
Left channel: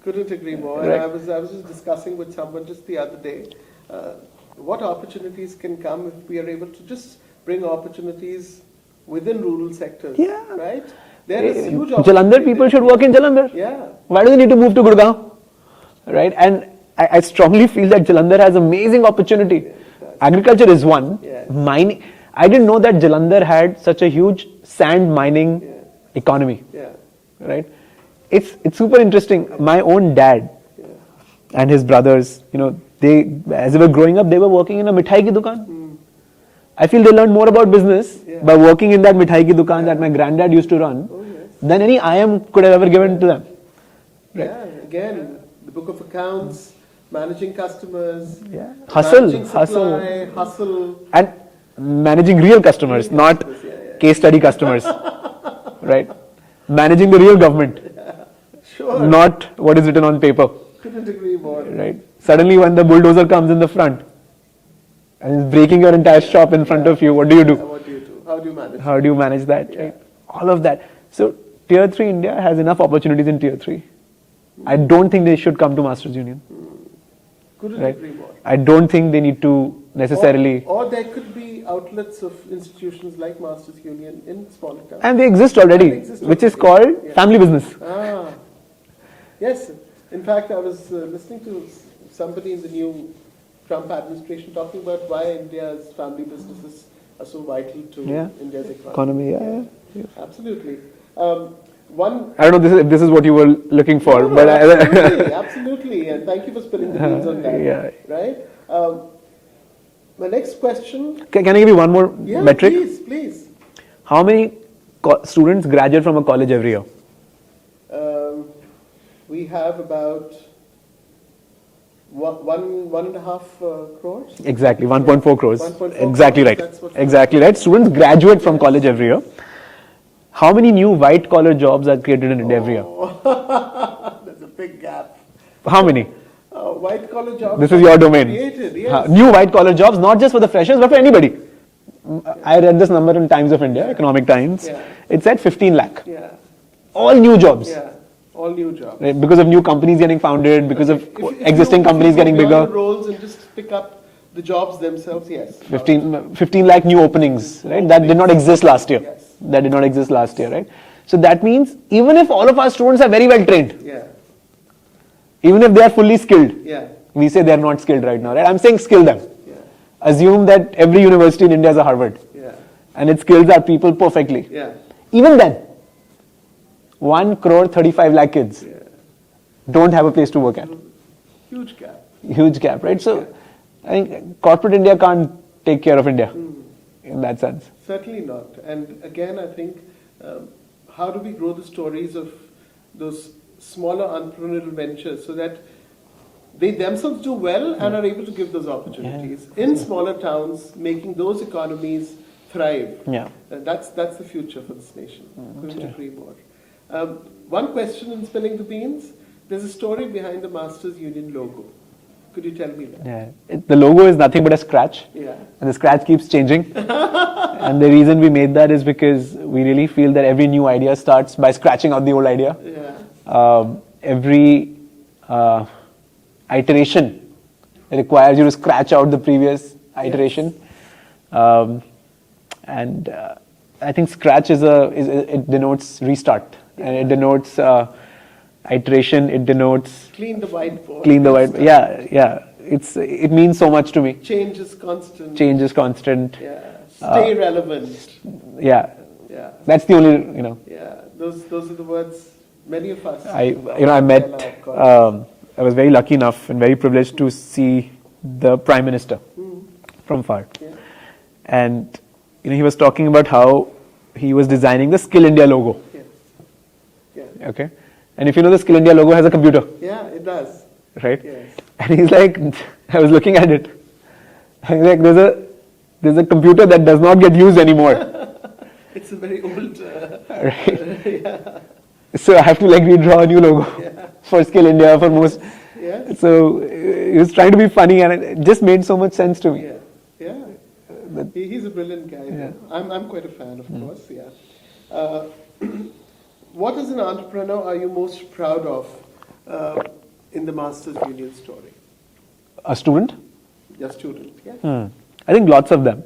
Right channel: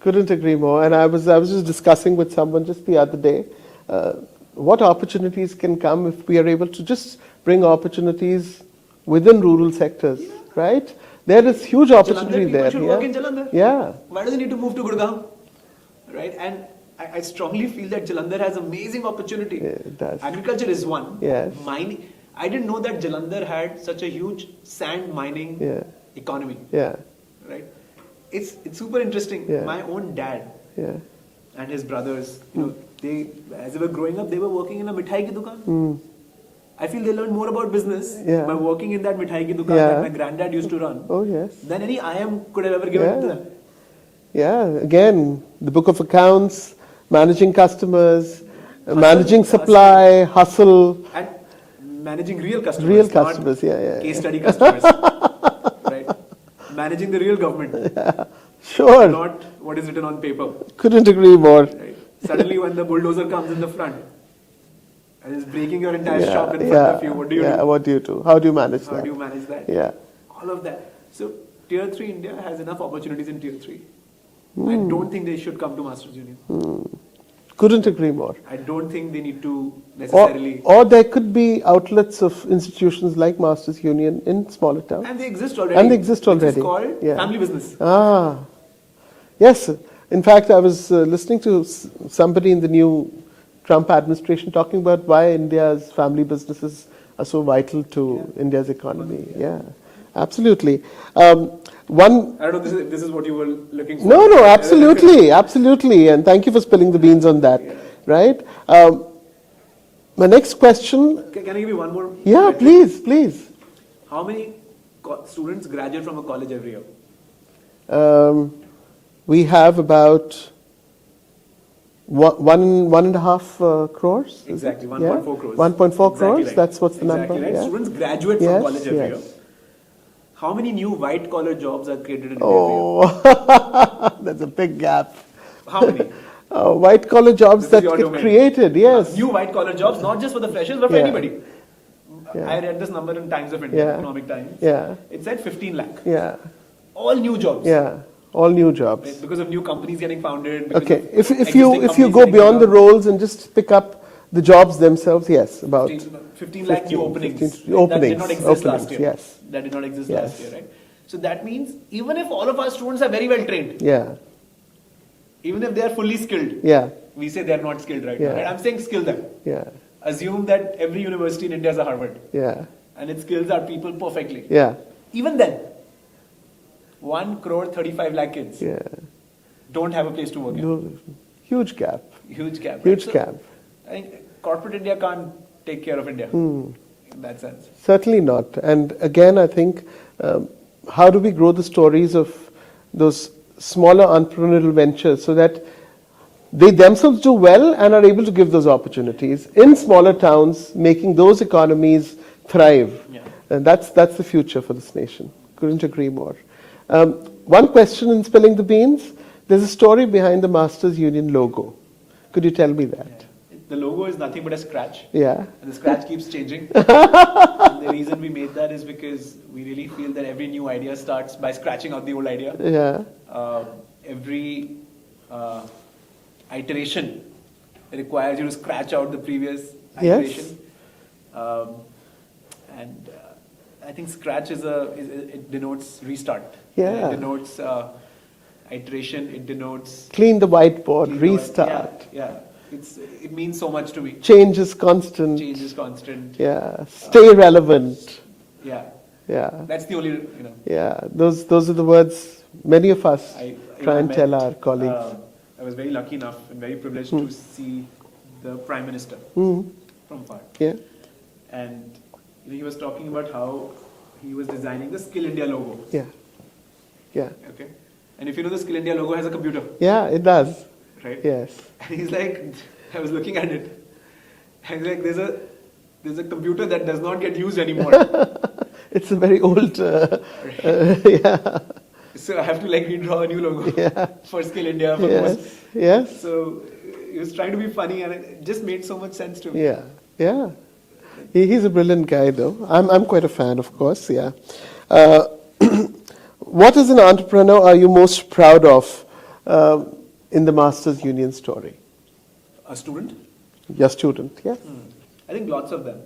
couldn't agree more. And Right. I was just discussing with someone just the other day, what opportunities can come if we are able to just bring opportunities within rural sectors. Yeah. Right? There is huge opportunity. Jalandhar people there, should work in Jalandhar. Yeah. Why do they need to move to Gurgaon? Right? And I strongly feel that Jalandhar has amazing opportunity. it does. Agriculture is one. Yes. Mining. I didn't know that Jalandhar had such a huge sand mining Yeah. economy. Yeah. Right? It's super interesting. Yeah. My own dad Yeah. and his brothers, you know, they as they were growing up, they were working in a mithai ki dukan. I feel they learned more about business Yeah. by working in that mithai ki dukan Yeah. that my granddad used to run Oh, yes. than any IM could have ever given Yeah. to them. Yeah. Again, the book of accounts, managing customers, Hustle, managing supply, hustle. And managing real customers, Real not customers, yeah. case study customers. Right? Managing the real government, Sure. not what is written on paper. Couldn't agree more. Right? Suddenly when the bulldozer comes in the front, and it's breaking your entire shop in front of you. What do you do? What do you do? How do you manage How that? do you manage that? Yeah. All of that. So Tier 3 India has enough opportunities in Tier 3. I don't think they should come to Masters Union. Couldn't agree more. I don't think they need to necessarily... Or there could be outlets of institutions like Masters Union in smaller towns. And they exist already. Which is called family business. Yes. In fact, I was listening to somebody in the new Trump administration talking about why India's family businesses are so vital to India's economy. Absolutely. I don't know if this is what you were looking for. No, absolutely, absolutely. And thank you for spilling the beans on that. Right? My next question. Can I give you one more metric? Please. How many students graduate from a college every year? We have about 1.5 crores. Exactly, 1.4 crores. 1.4 exactly crores. right. That's what's exactly right. Students graduate from college every year. How many new white collar jobs are created in India every year? That's a big gap. How many? White collar jobs. This is your domain. Created, yes. New white collar jobs, not just for the freshers, but for anybody. I read this number in Times of India, Economic Times. It said 15 lakh. All new jobs. All new jobs. Right? Because of new companies getting founded, because of if existing companies go getting beyond bigger. the roles and just pick up the jobs themselves, yes. 15 lakh new openings, right? That did not exist last year. Yes. That did not exist last year, right? So that means even if all of our students are very well trained, even if they are fully skilled, we say they are not skilled right now, right? I'm saying skill them. Assume that every university in India is a Harvard. And it skills our people perfectly. Even then, 1 crore 35 lakh kids don't have a place to work at. Huge gap. Huge gap, right? So I think corporate India can't take care of India in that sense. Certainly not. And again, I think, how do we grow the stories of those smaller entrepreneurial ventures so that they themselves do well and are able to give those opportunities in smaller towns, making those economies thrive. And that's the future for this nation. Couldn't agree more. One question in spilling the beans. There's a story behind the Masters Union logo. Could you tell me that? The logo is nothing but a scratch. And the scratch keeps changing. And the reason we made that is because we really feel that every new idea starts by scratching out the old idea. Every iteration requires you to scratch out the previous iteration. And I think scratch it denotes restart. And it denotes iteration. It denotes clean the whiteboard. Clean the whiteboard. It means so much to me. Change is constant. Stay relevant. That's the only Those are the words many of us. I was very lucky enough and very privileged to see the Prime Minister from far. And he was talking about how he was designing the Skill India logo. Okay. And if you know, the Skill India logo has a computer. It does. Right? And he's like, I was looking at it. And he's like, there's a computer that does not get used anymore. It's a very old. So I have to redraw a new logo for Skill India for most. So he was trying to be funny, and it just made so much sense to me. He's a brilliant guy, though. I'm quite a fan, of course. What as an entrepreneur are you most proud of in the Masters Union story? A student? Your student, I think lots of them.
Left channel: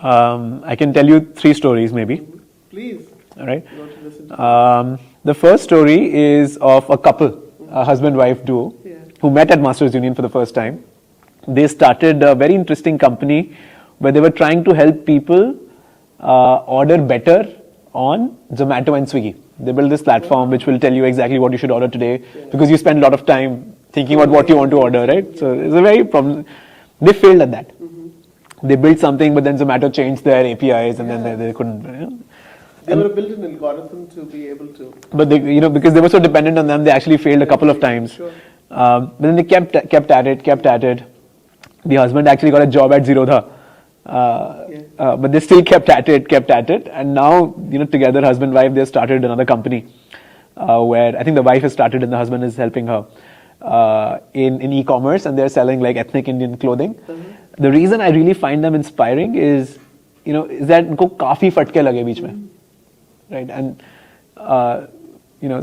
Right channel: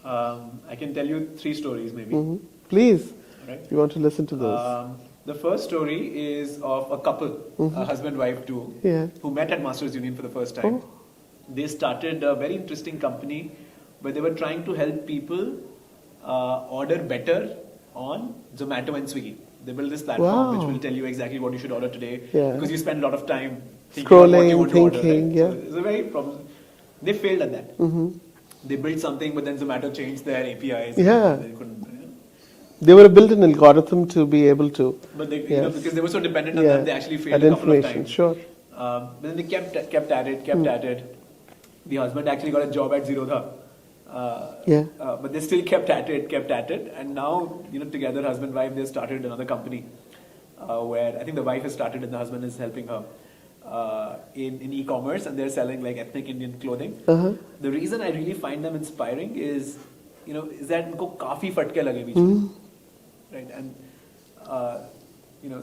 I can tell you 3 stories, maybe. Please. All right. You want to listen to this? The first story is of a couple, a husband-wife duo, who met at Masters Union for the first time. They started a very interesting company where they were trying to help people order better on Zomato and Swiggy. They built this platform which will tell you exactly what you should order today because you spend a lot of time thinking about what you want to order, right? So it's a very problem. They failed at that. They built something, but then Zomato changed their APIs and then they couldn't. They were built an algorithm to be able to. But they, because they were so dependent on them, they actually failed a couple of times. But then they kept at it. The husband actually got a job at Zerodha. But they still kept at it. And now, together, husband and wife, they started another company where I think the wife has started and the husband is helping her. in e-commerce, and they're selling like ethnic Indian clothing. The reason I really find them inspiring is, is that उनको काफी फटके लगे बीच में, right? And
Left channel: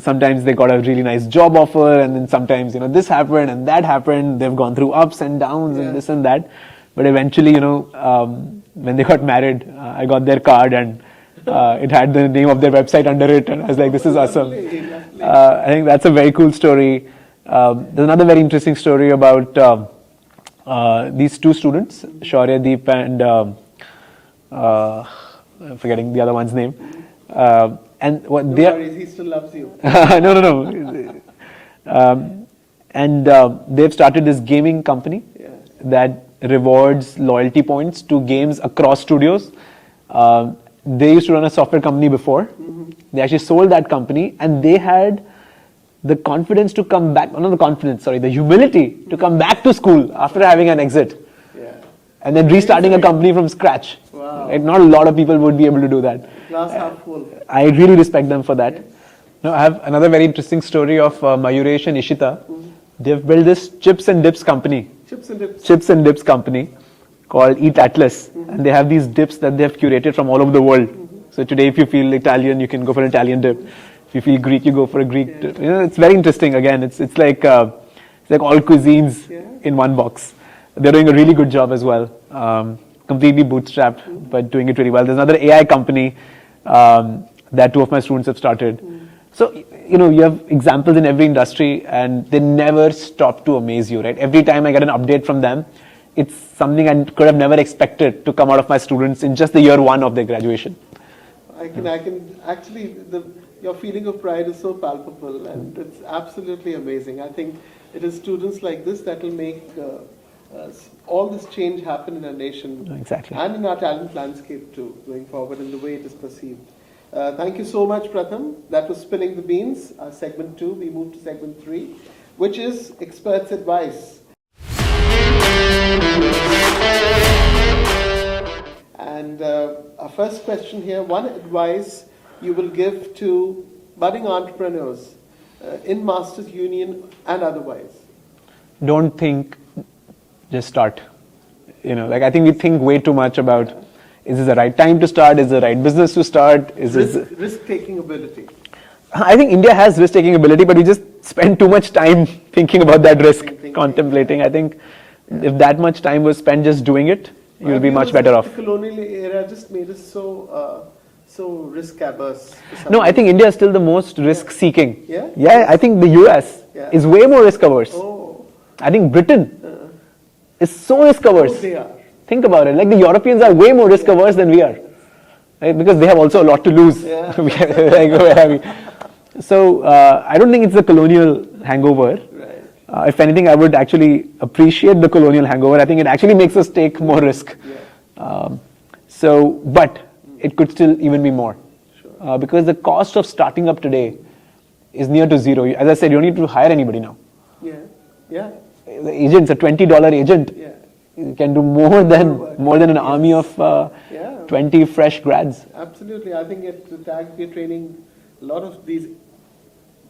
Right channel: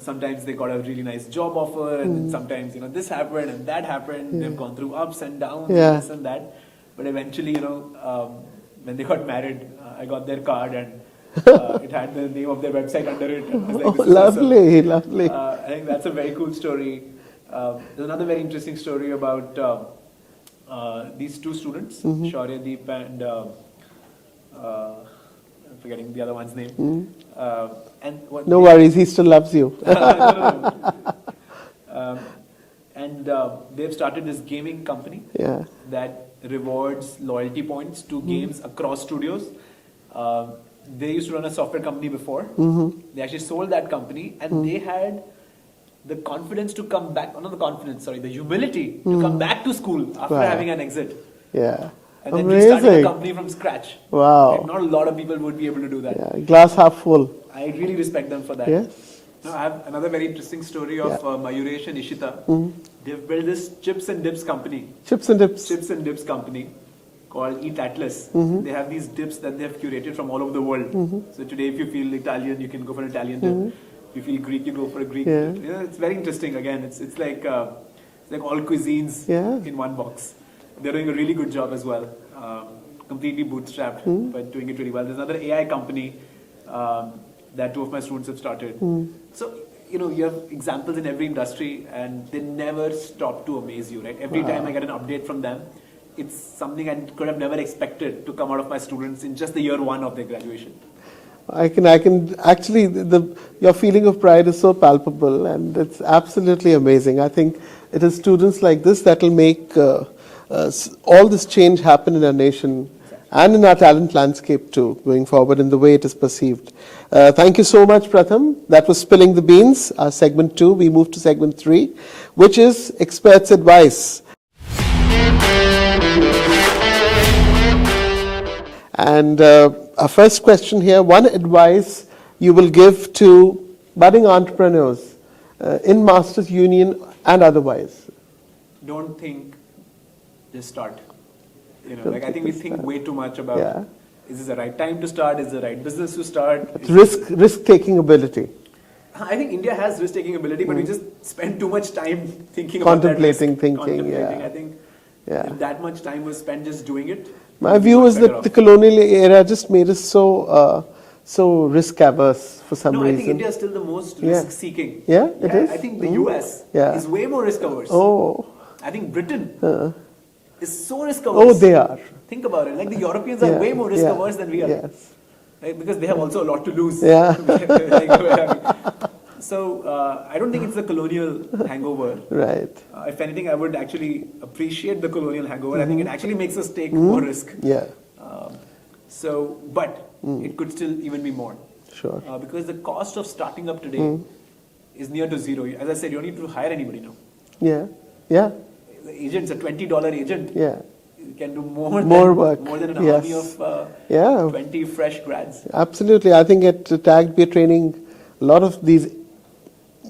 sometimes they got a really nice job offer, and then sometimes this happened and that happened. They've gone through ups and downs and this and that, but eventually, when they got married, I got their card and it had the name of their website under it, and I was like, this is lovely, awesome. Lovely. I think that's a very cool story. There's another very interesting story about these two students, Shaurya Deep and I'm forgetting the other one's name. And what no worries, he still loves you. no. And they've started this gaming company that rewards loyalty points to games across studios. They used to run a software company before. They actually sold that company, and they had the confidence to come back, not the confidence, sorry, the humility to come back to school after having an exit. And then restarting a company from scratch. Wow. Like, not a lot of people would be able to do that. Glass half full. I really respect them for that. Yes. Now, I have another very interesting story of Mayuresh and Ishita. They've built this chips and dips company. Chips and dips. Chips and dips company called Eat Atlas. And they have these dips that they have curated from all over the world. So today, if you feel Italian, you can go for an Italian dip. If you feel Greek, you go for a Greek dip. It's very interesting. Again, it's like all cuisines in one box. They're doing a really good job as well. Completely bootstrapped, but doing it really well. There's another AI company that two of my students have started. So, you have examples in every industry, and they never stop to amaze you, right? Every time I get an update from them, it's something I could have never expected to come out of my students in just the year one of their graduation. I can actually, your feeling of pride is so palpable, and it's absolutely amazing. I think it is students like this that will make all this change happen in our nation and in our talent landscape too, going forward in the way it is perceived. Thank you so much, Pratham. That was Spilling the Beans, our segment 2. We move to segment 3, which is Experts' Advice. And our first question here, one advice you will give to budding entrepreneurs in Masters Union and otherwise. Don't think, just start. I think we think way too much about, is this the right time to start? Is the right business to start? Risk-taking ability. I think India has risk-taking ability, but we just spend too much time thinking about that risk, contemplating. I think if that much time was spent just doing it, my view is that the colonial era just made us so risk-averse for some reason. I think India is still the most risk-seeking. Yeah? I think the US is way more risk-averse. Oh. I think Britain is so risk-averse. Oh, they are. Think about it. Like, the Europeans are way more risk-averse than we are. Yes. Right? Because they have also a lot to lose. So, I don't think it's the colonial hangover. Right. If anything, I would actually appreciate the colonial hangover. I think it actually makes us take more risk. But it could still even be more. Sure. Because the cost of starting up today is near to zero. As I said, you don't need to hire anybody now. Yeah. The agent's a $20 agent. You can do more than an army of 20 fresh grads. Absolutely. I think at TAG we are training a lot of these,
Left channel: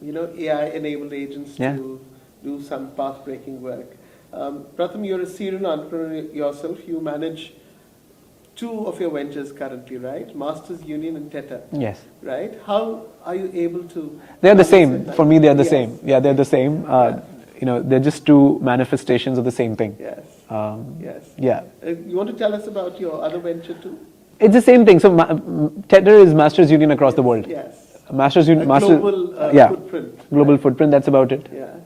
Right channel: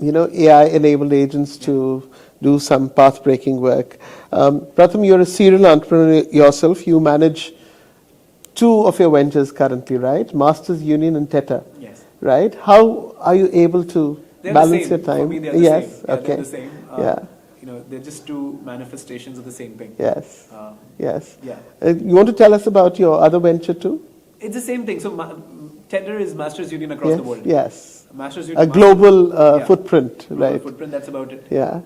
AI-enabled agents to do some path-breaking work. Pratham, you're a serial entrepreneur yourself. You manage 2 of your ventures currently, right? Masters Union and Tetr. Yes. Right? How are you able to They're the balance same. your time? For me, they're the same. Okay. They're the same. They're just 2 manifestations of the same thing. Yes. Yes. Yeah. You want to tell us about your other venture too? It's the same thing. So Tetr is Masters Union across the world. Yes. Masters Union. Global footprint. Global footprint. That's about it. Yeah.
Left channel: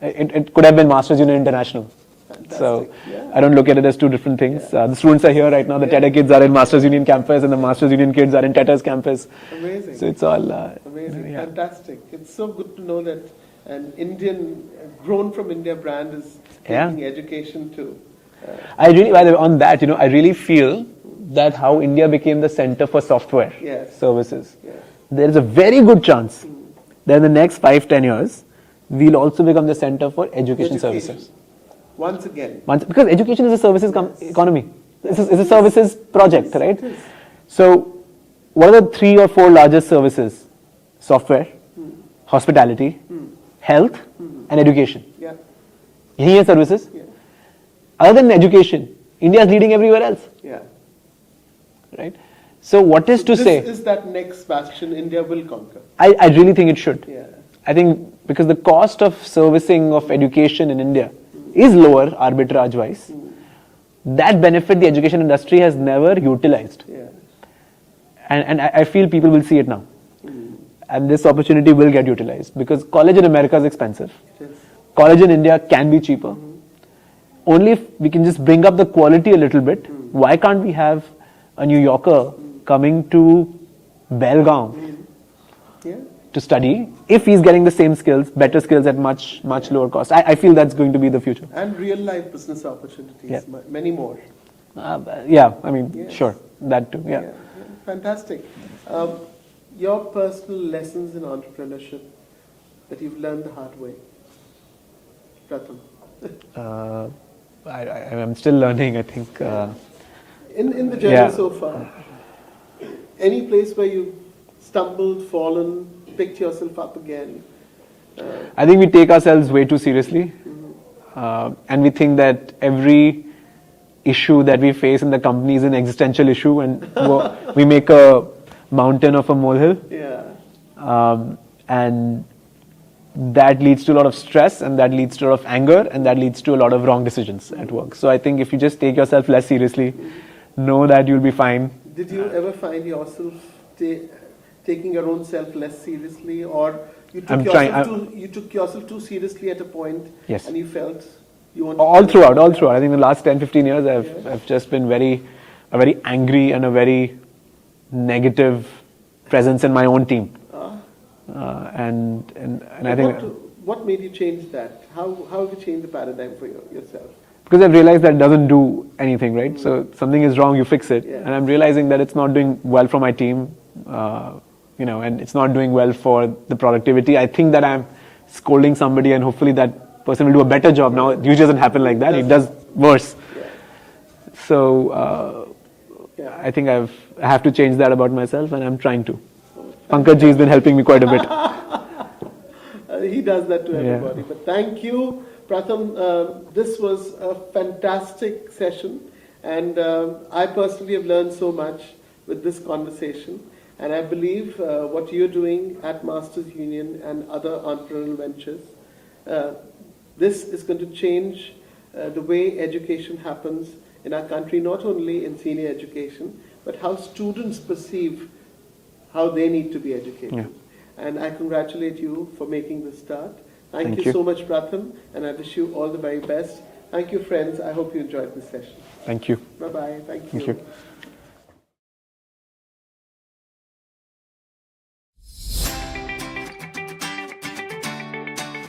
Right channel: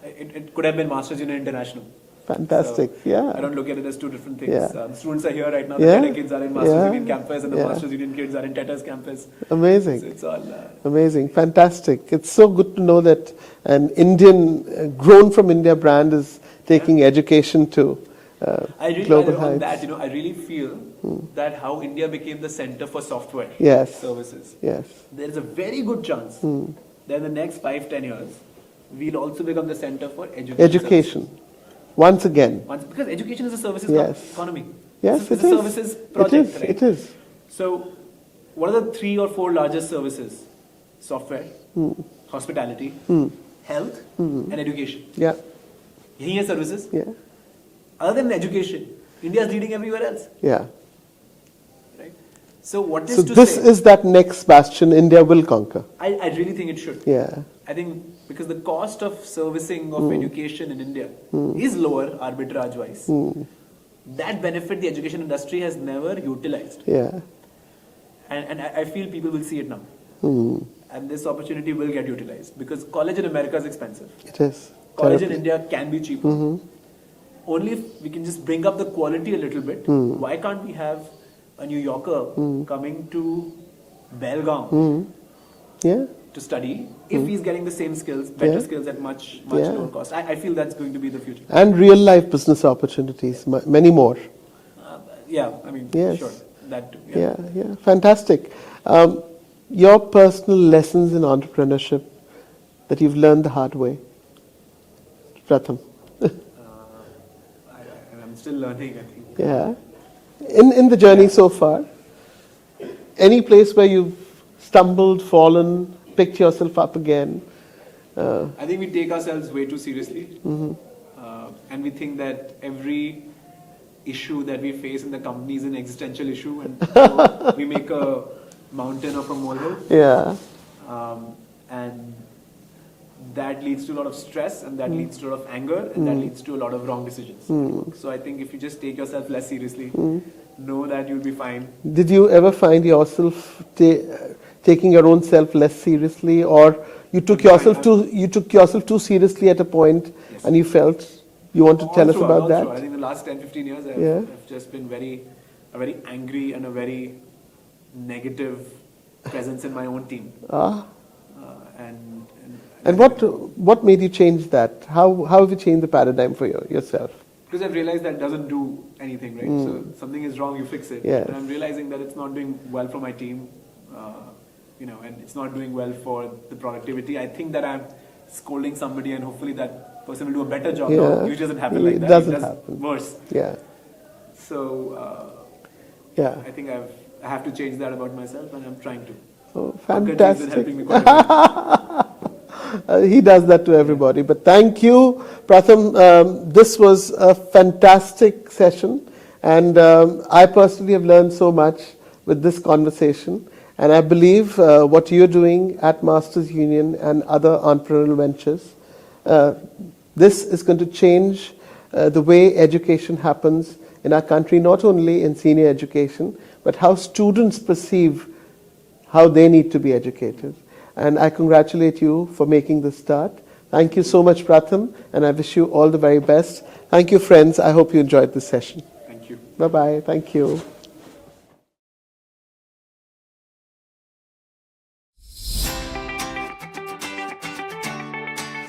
It could have been Masters Union International. Fantastic. So I don't look at it as 2 different things. The students are here right now. The Tetr kids are in Masters Union campus, and the Masters Union kids are in Tetr's campus. Amazing. So it's all amazing. Fantastic. It's so good to know that an Indian, grown from India brand is taking education to. I really feel that how India became the center for software services. Yes. There is a very good chance that in the next 5-10 years, we'll also become the center for education services. Once again. Because education is a services economy. Yes, it's a services project, right? It is. So, what are the 3 or 4 largest services? Software, hospitality, health, and education. Yeah. Yahi hai services. Yeah. Other than education, India is leading everywhere else. Yeah. Right? So what is So to this say? is that next bastion India will conquer. I really think it should. Yeah. I think because the cost of servicing of education in India is lower arbitrage wise. That benefit the education industry has never utilized. Yeah. And I feel people will see it now. And this opportunity will get utilized because college in America is expensive. It is. College in India can be cheaper. Only if we can just bring up the quality a little bit. Why can't we have a New Yorker coming to Belgaum Yeah. to study if he's getting the same skills, better skills at much lower cost? I feel that's going to be the future. And real life business opportunities, many more. Yeah, I mean, Yes. sure, that too. Yeah, yeah. Fantastic. Your personal lessons in entrepreneurship that you've learned the hard way, Pratham. I'm still learning, I think. Yeah. In the journey Yeah. so far, any place where you've stumbled, fallen, picked yourself up again? I think we take ourselves way too seriously. And we think that every issue that we face in the company is an existential issue and we make a mountain of a molehill. Yeah. And that leads to a lot of stress and that leads to a lot of anger and that leads to a lot of wrong decisions at work. So I think if you just take yourself less seriously, know that you'll be fine. Did you ever find yourself taking your own self less seriously, or you took yourself too seriously at a point, Yes. and you felt you wanted to all tell us throughout. about that? I think the last 10-15 years I've just been a very angry and a very negative presence in my own team. And I think what made you change that? How have you changed the paradigm for yourself? because I've realized that doesn't do anything, right? So something is wrong, you fix it. Yes. And I'm realizing that it's not doing well for my team, and it's not doing well for the productivity. I think that I'm scolding somebody and hopefully that person will do a better job. Now, it usually doesn't happen like that. It does worse. Yeah. So, I think I have to change that about myself and I'm trying to. Oh, Pankaj ji has been helping me quite a bit. He does that to everybody. But thank you, Pratham. This was a fantastic session, and I personally have learned so much with this conversation. And I believe what you're doing at Masters Union and other entrepreneurial ventures, this is going to change the way education happens in our country, not only in senior education, but how students perceive how they need to be educated. And I congratulate you for making this start. Thank you so much, Pratham, and I wish you all the very best. Thank you, friends. I hope you enjoyed this session. Thank you. Bye-bye. Thank you. Thank you.